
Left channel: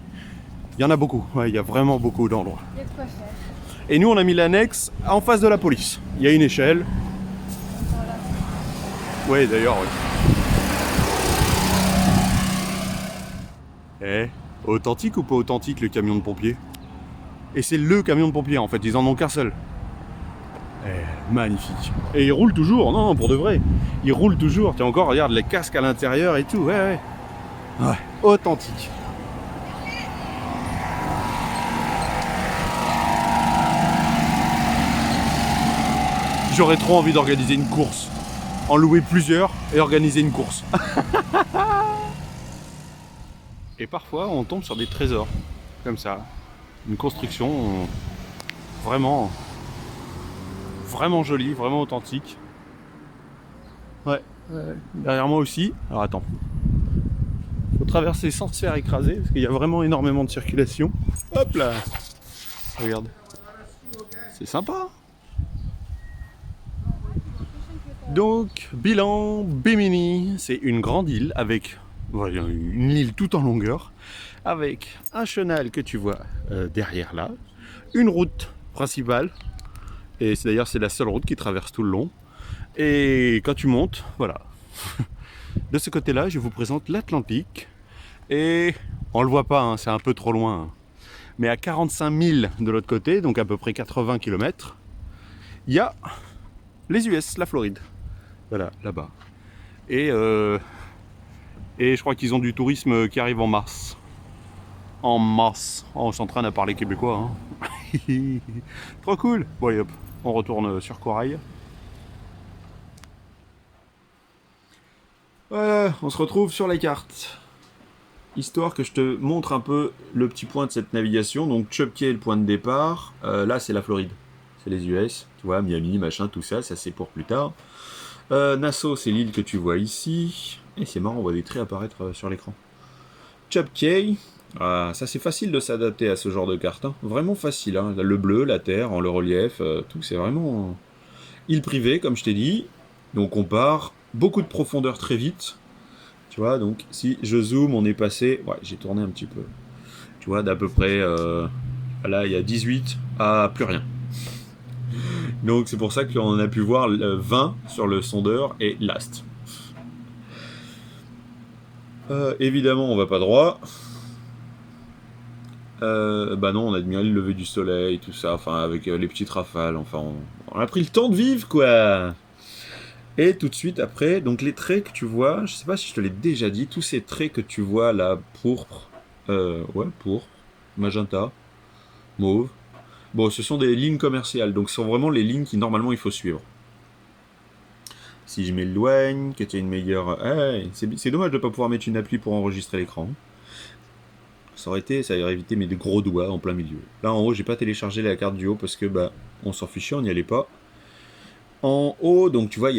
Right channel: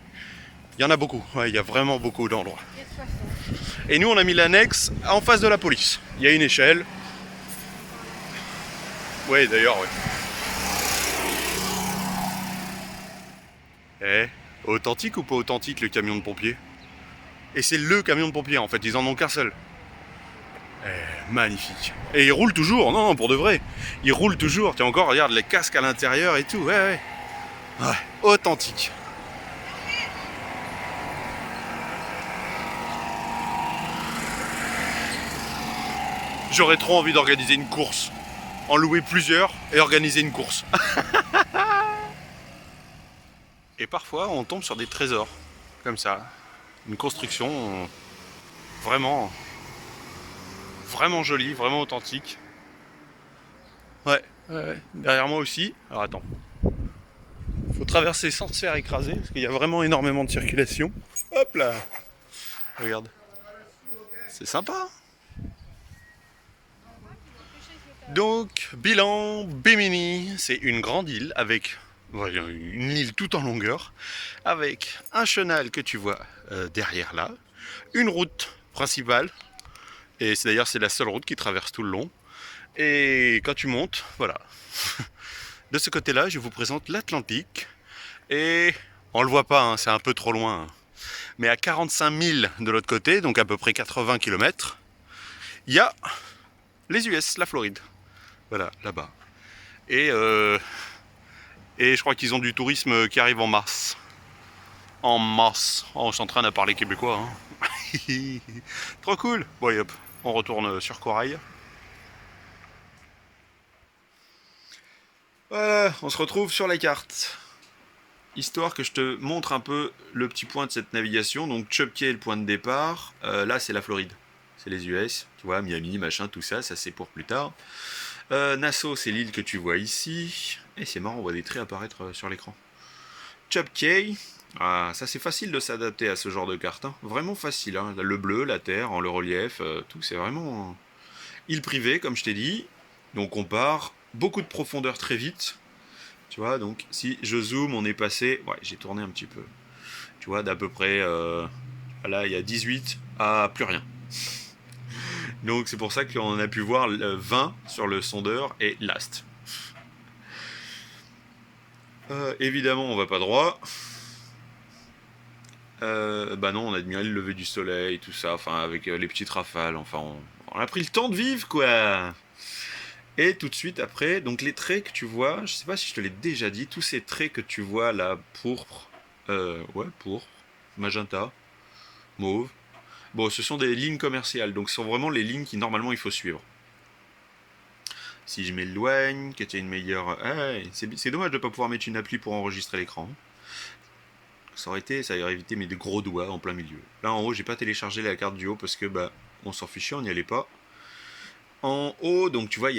Il y en a beaucoup, ouais, il y a vraiment beaucoup d'endroits. Il y a de quoi faire. Et nous, on a mis l'annexe en face de la police. Il y a une échelle. Oui, d'ailleurs, oui. Authentique ou pas authentique le camion de pompiers? Et c'est le camion de pompiers en fait, ils en ont qu'un seul. Magnifique. Et il roule toujours, non, pour de vrai. Il roule toujours, tiens encore, regarde les casques à l'intérieur et tout, ouais. Ouais, authentique. J'aurais trop envie d'organiser une course. En louer plusieurs et organiser une course. Et parfois, on tombe sur des trésors, comme ça. Une construction vraiment jolie, vraiment authentique. Ouais. Derrière moi aussi. Alors attends. Faut traverser sans se faire écraser, parce qu'il y a vraiment énormément de circulation. Hop là. Regarde. C'est sympa. Donc, bilan Bimini, c'est une grande île avec une île tout en longueur, avec un chenal que tu vois derrière là, une route principale, et d'ailleurs c'est la seule route qui traverse tout le long. Et quand tu montes, voilà, de ce côté-là, je vous présente l'Atlantique, et on le voit pas, hein, c'est un peu trop loin, mais à 45 000 de l'autre côté, donc à peu près 80 km, il y a les US, la Floride. Voilà, là-bas. Et je crois qu'ils ont du tourisme qui arrive en mars. En mars. Oh, on s'entraîne à parler québécois. Hein. Trop cool. Bon, hop, on retourne sur Corail. Voilà, on se retrouve sur la carte. Histoire que je te montre un peu le petit point de cette navigation. Donc, Chub Cay est le point de départ. Là, c'est la Floride. C'est les US. Tu vois, Miami, machin, tout ça. Ça, c'est pour plus tard. Nassau, c'est l'île que tu vois ici. Et c'est marrant, on voit des traits apparaître sur l'écran. Chub Cay, ça c'est facile de s'adapter à ce genre de carte. Hein. Vraiment facile. Hein. Le bleu, la terre, le relief, tout, c'est vraiment île privée, comme je t'ai dit. Donc on part, beaucoup de profondeur très vite. Tu vois, donc si je zoome, on est passé... Ouais, j'ai tourné un petit peu. Tu vois, d'à peu près... là, il y a 18 à plus rien. Donc c'est pour ça qu'on a pu voir 20 sur le sondeur et last. Évidemment, on va pas droit. Bah non, on a admiré le lever du soleil, tout ça, enfin avec les petites rafales, enfin on a pris le temps de vivre quoi. Et tout de suite après, donc les traits que tu vois, je sais pas si je te l'ai déjà dit, tous ces traits que tu vois là, pourpre, pourpre, magenta, mauve, bon ce sont des lignes commerciales, donc ce sont vraiment les lignes qui normalement il faut suivre. Si je m'éloigne, que tu as une meilleure... c'est dommage de ne pas pouvoir mettre une appli pour enregistrer l'écran. Ça aurait évité mes gros doigts en plein milieu. Là en haut, j'ai pas téléchargé la carte du haut parce que bah on s'en fichait, on n'y allait pas. En haut, donc tu vois,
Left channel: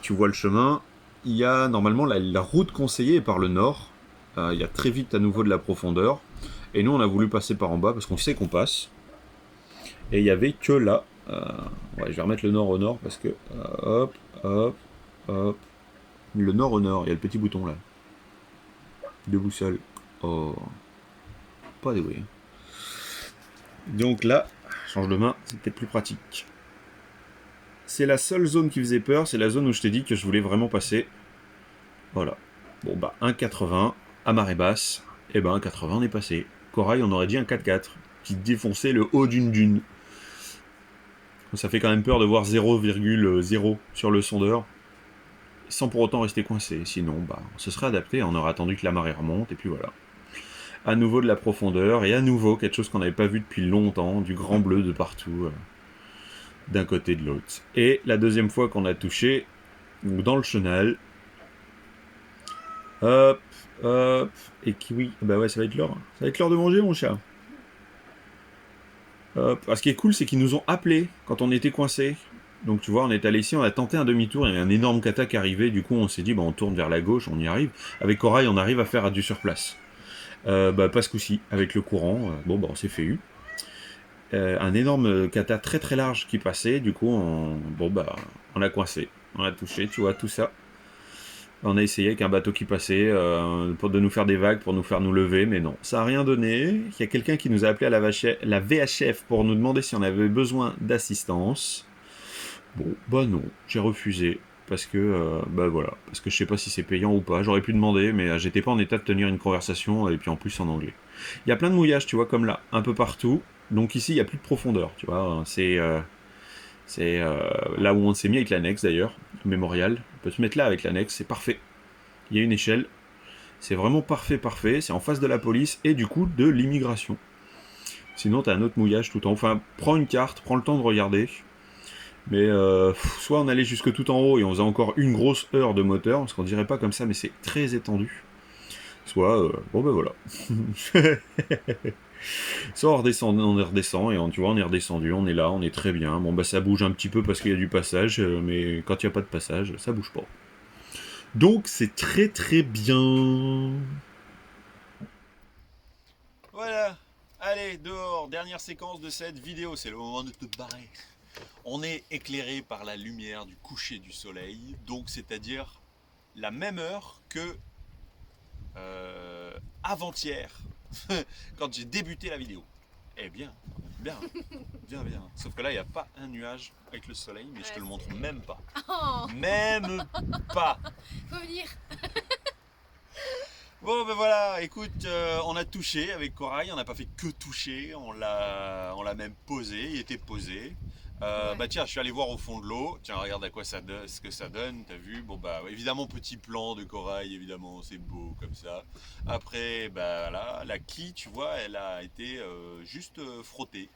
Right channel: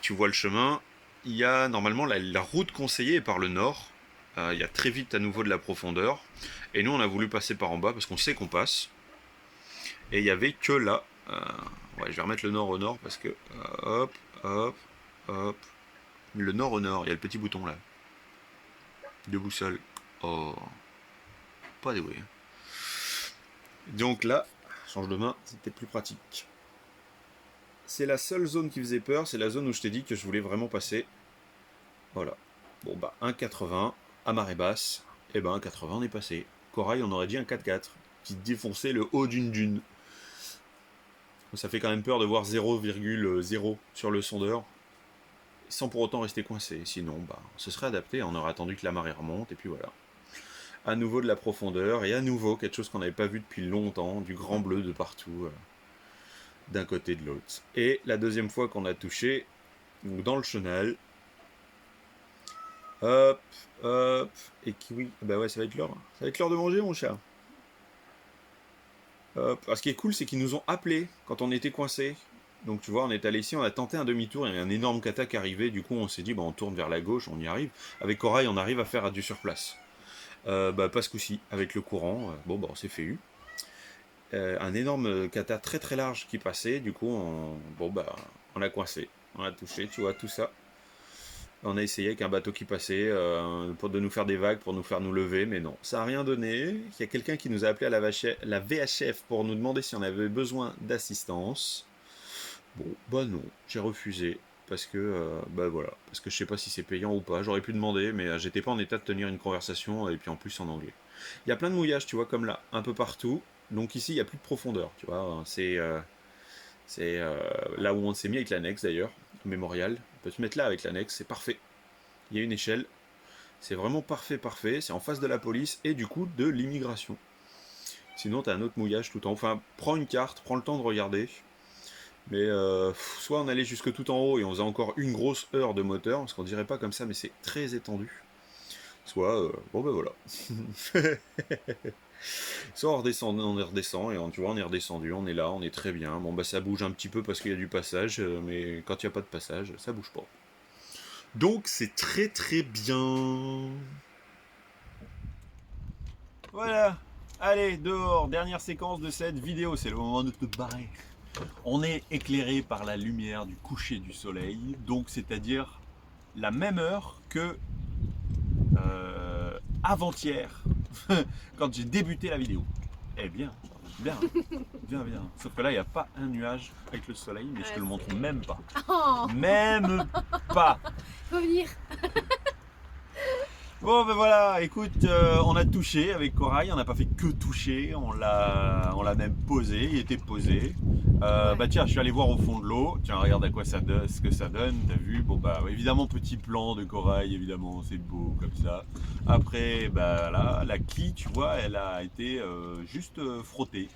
tu vois le chemin. Il y a normalement la route conseillée est par le nord. Il y a très vite à nouveau de la profondeur. Et nous, on a voulu passer par en bas parce qu'on sait qu'on passe. Et il y avait que là. Je vais remettre le nord au nord parce que hop, hop, hop. Le nord au nord. Il y a le petit bouton là. De boussole. Oh. Pas doué. Donc là, change de main, c'est peut-être plus pratique. C'est la seule zone qui faisait peur, c'est la zone où je t'ai dit que je voulais vraiment passer. Voilà. Bon bah 1,80 à marée basse, et ben 1,80 on est passé. Corail on aurait dit un 4,4 qui défonçait le haut d'une dune. Ça fait quand même peur de voir 0,0 sur le sondeur, sans pour autant rester coincé. Sinon bah on se serait adapté, on aurait attendu que la marée remonte, et puis voilà. À nouveau de la profondeur, et à nouveau quelque chose qu'on n'avait pas vu depuis longtemps, du grand bleu de partout, d'un côté de l'autre. Et la deuxième fois qu'on a touché, dans le chenal, hop, hop, et kiwi, bah ouais, ça va être l'heure. Ça va être l'heure de manger, mon chat. Hop. Alors, ce qui est cool, c'est qu'ils nous ont appelés quand on était coincés. Donc tu vois, on est allé ici, on a tenté un demi-tour, il y avait un énorme kata qui arrivait, du coup on s'est dit, bah, on tourne vers la gauche, on y arrive. Avec Corail, on arrive à faire du sur place. Pas ce coup-ci, avec le courant, bon, bah, on s'est fait eu. Un énorme kata très très large qui passait, du coup, on a coincé, on a touché, tu vois, tout ça. On a essayé avec un bateau qui passait de nous faire des vagues, pour nous faire nous lever, mais non, ça n'a rien donné. Il y a quelqu'un qui nous a appelé à la VHF pour nous demander si on avait besoin d'assistance. Bon, bah non, j'ai refusé. Parce que, voilà, parce que je sais pas si c'est payant ou pas. J'aurais pu demander, mais j'étais pas en état de tenir une conversation, et puis en plus en anglais. Il y a plein de mouillages, tu vois, comme là, un peu partout. Donc ici, il n'y a plus de profondeur, tu vois. C'est là où on s'est mis avec l'annexe, d'ailleurs, mémorial. On peut se mettre là avec l'annexe, c'est parfait. Il y a une échelle. C'est vraiment parfait, parfait. C'est en face de la police et du coup de l'immigration. Sinon, tu as un autre mouillage tout en haut. Enfin, prends une carte, prends le temps de regarder. Mais soit on allait jusque tout en haut et on faisait encore une grosse heure de moteur, parce qu'on dirait pas comme ça, mais c'est très étendu. Soit, bon ben voilà. Soit on redescend, et tu vois, on est redescendu, on est là, on est très bien. Bon bah ça bouge un petit peu parce qu'il y a du passage, mais quand il n'y a pas de passage, ça bouge pas. Donc c'est très très bien. Voilà, allez, dehors, dernière séquence de cette vidéo, c'est le moment de te barrer. On est éclairé par la lumière du coucher du soleil, donc c'est-à-dire la même heure que avant-hier, quand j'ai débuté la vidéo. Eh bien, bien. Sauf que là, il n'y a pas un nuage avec le soleil, mais je te le montre même pas. Oh. Même pas. Faut venir. Bon ben voilà, écoute, on a touché avec Corail, on n'a pas fait que toucher, on l'a même posé, il était posé. Ouais. Bah tiens, je suis allé voir au fond de l'eau, tiens regarde à quoi ça donne, ce que ça donne, t'as vu. Bon bah évidemment petit plan de Corail, évidemment c'est beau comme ça. Après bah là, la quille tu vois, elle a été juste frottée.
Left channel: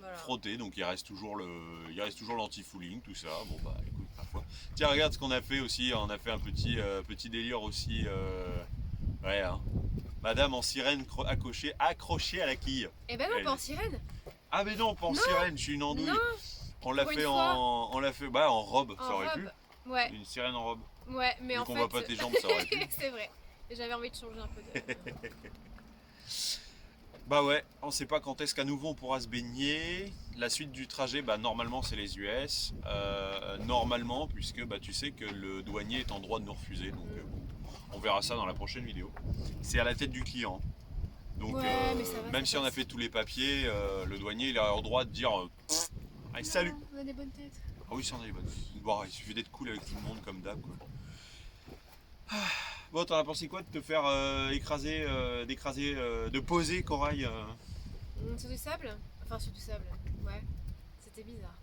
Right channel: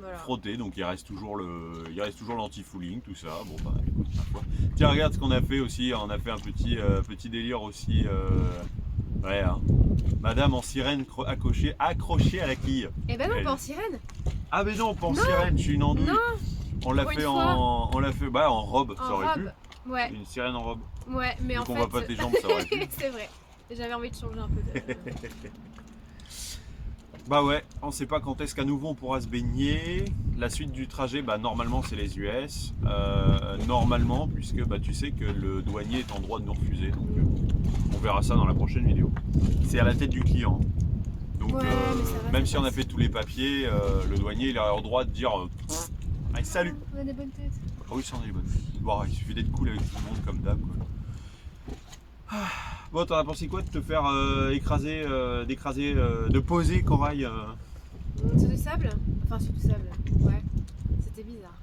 Voilà. Frottée, donc il reste toujours l'anti-fouling, tout ça. Bon bah écoute, ma foi. Tiens regarde ce qu'on a fait aussi, on a fait un petit délire aussi. Ouais, hein. Madame en sirène accrochée à la quille. Eh ben non, pas en sirène. Ah mais non, pas en sirène, je suis une andouille. Non. On l'a fait en robe, ça aurait pu. Ouais. Une sirène en robe. Ouais, mais vu en qu'on fait. voit pas tes jambes, ça aurait pu. C'est vrai. J'avais envie de changer un peu de. Bah ouais, on sait pas quand est-ce qu'à nouveau on pourra se baigner. La suite du trajet, bah normalement c'est les US. Normalement, puisque bah tu sais que le douanier est en droit de nous refuser. Donc On verra ça dans la prochaine vidéo. C'est à la tête du client. Donc Ouais, mais ça va, même ça si on a passe. fait tous les papiers, le douanier il a le droit de dire allez, salut. On a des bonnes têtes. Ah oui, ça en est bonne. Bon, il suffit d'être cool avec tout le monde comme d'hab, quoi. Ah. Bon, t'en as pensé quoi de te faire écraser, de poser Corail Sur du sable. Enfin, sur du sable. Ouais. C'était bizarre.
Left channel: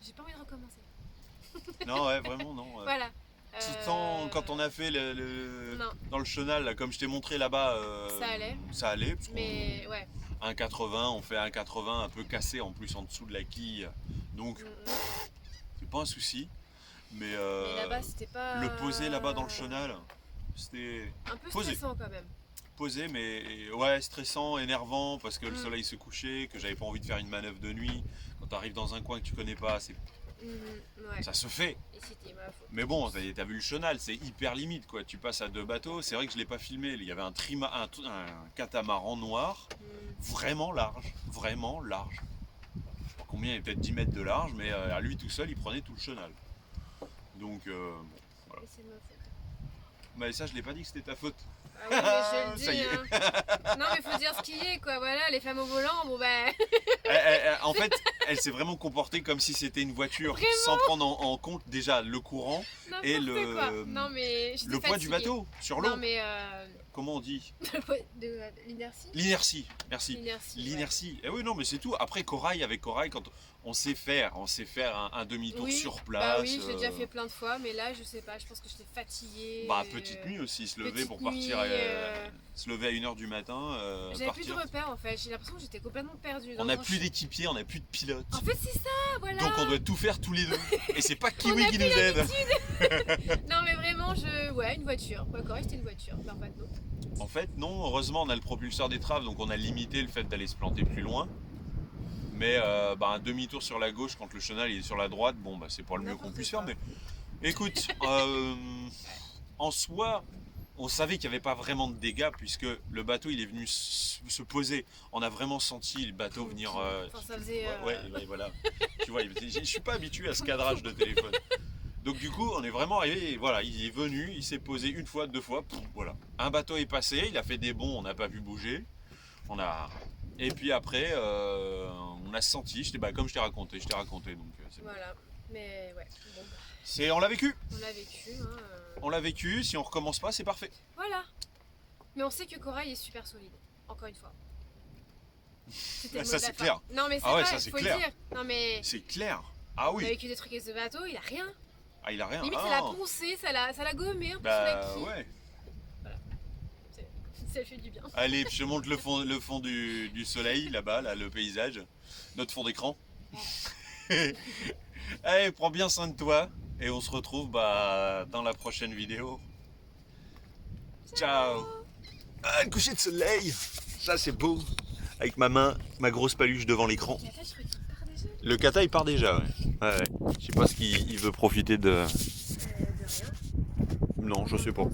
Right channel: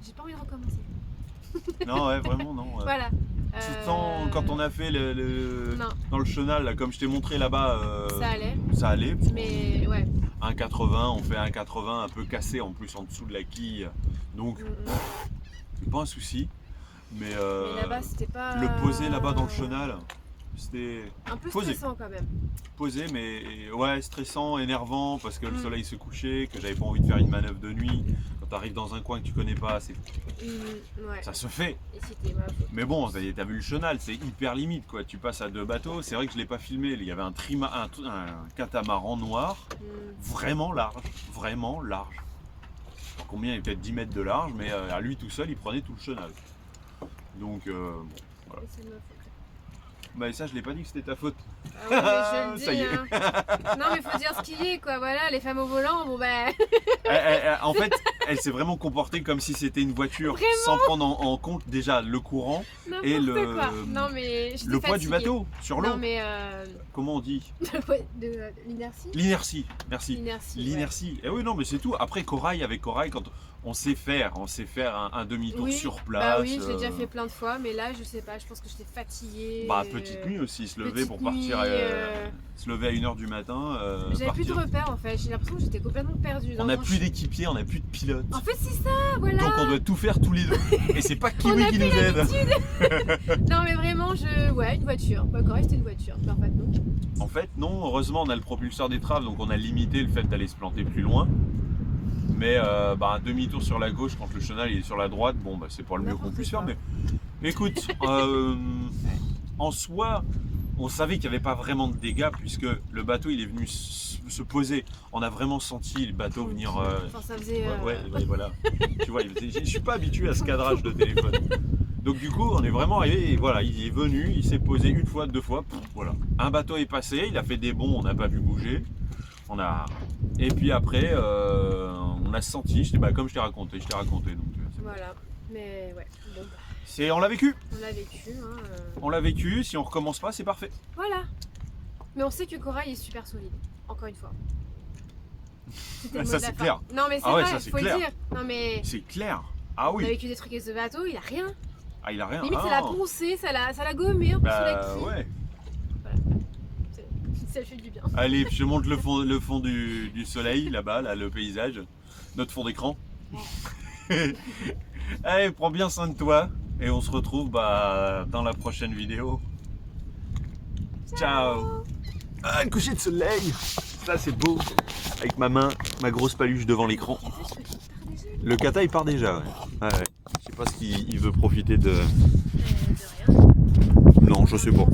J'ai pas envie de recommencer. Non, ouais, vraiment, non. Voilà. Pourtant, quand on a fait Non, dans le chenal, là, comme je t'ai montré là-bas, ça allait. ça allait. Mais ouais. 1,80, on fait 1,80 un peu cassé en plus en dessous de la quille. Donc, c'est pas un souci. Mais là-bas, c'était pas. le poser là-bas dans le chenal, c'était Un peu posé. stressant quand même. Posé, mais ouais, stressant, énervant parce que le Mm. soleil se couchait, que j'avais pas envie de faire une manœuvre de nuit. Quand tu arrives dans un coin que tu connais pas, Ouais. ça se fait. Et c'était ma faute. Mais bon, t'as vu le chenal, c'est hyper limite quoi. Tu passes à 2 bateaux. C'est vrai que je l'ai pas filmé. Il y avait un catamaran noir, vraiment large, vraiment large. Combien il y avait peut-être 10 mètres de large, mais à lui tout seul, il prenait tout le chenal. Donc bon, voilà. Et c'est ma faute. Mais ça, je l'ai pas dit que c'était ta faute. Ah ouais, mais je le dis. Ça y est. Hein. Non, mais faut dire ce qui est, quoi. Voilà, les femmes au volant, bon ben. En fait, elle s'est vraiment comportée comme si c'était une voiture, Vraiment sans prendre en compte déjà le courant et N'importe quoi. Non, mais j'étais le poids du fatiguée. bateau sur l'eau. Non, mais. Comment on dit? De l'inertie. L'inertie. Merci. L'inertie. Ouais. L'inertie. Et oui, non, mais c'est tout. Après, avec Corail, quand on sait faire un demi-tour Oui, sur place. Bah oui, j'ai déjà fait plein de fois, mais là, je sais pas, je pense que j'étais fatiguée. Bah, petite nuit aussi, se lever petite pour nuit, partir. Se lever à 1h du matin. J'avais plus de partir. repères en fait, j'ai l'impression que j'étais complètement perdue. On n'a plus d'équipier, on n'a plus de pilote. En fait, c'est ça, voilà. Donc on doit tout faire tous les deux. Et c'est pas On Kiwi a qui plus nous aide. Non, mais vraiment, ouais, une voiture. Ouais, correct, c'était une voiture. Bah, en fait, non. En fait, non, heureusement, on a le propulseur d'étrave, donc on a limité le fait d'aller se planter plus loin. Mais un demi-tour sur la gauche quand le chenal est sur la droite, bon, bah, c'est pas le mieux qu'on N'importe puisse quoi. faire. Mais écoute, en soi, on savait qu'il n'y avait pas vraiment de dégâts puisque le bateau il est venu se poser. On a vraiment senti le bateau venir. Enfin, ça faisait. Ouais, voilà. Tu vois, je suis pas habitué à ce cadrage de téléphone. Donc du coup, on est vraiment arrivé, et voilà, il est venu, il s'est posé une fois, 2 fois, voilà. Un bateau est passé, il a fait des bonds, on n'a pas vu bouger. Et puis après, on a senti, comme je t'ai raconté, donc c'est bon. Voilà, mais ouais, bon, bah, On l'a vécu. on l'a vécu. Hein, On l'a vécu, si on recommence pas, c'est parfait. Voilà. Mais on sait que Corail est super solide, encore une fois. C'était le mot Ça, de la c'est fin. clair. Non, mais c'est Ah ouais, vrai, ça, c'est faut clair. le dire. Non, mais. C'est clair. Ah On a oui. vécu des trucs avec ce bateau, il a rien. Ah, il a rien. Limite, Ah, ça l'a non. poncé, ça l'a gommé un peu sur la Bah quille. ouais. Ça fait du bien. Allez, je te montre le fond du soleil, là-bas, là, le paysage. Notre fond d'écran. Allez, prends bien soin de toi. Et on se retrouve dans la prochaine vidéo. Ciao. Ah, un coucher de soleil. Ça, c'est beau. Avec ma main, ma grosse paluche devant l'écran. Cata, je crois qu'il part déjà. Le kata, il part déjà, ouais. Ouais. Je sais pas ce qu'il veut profiter de... De rien. Non, je sais pas.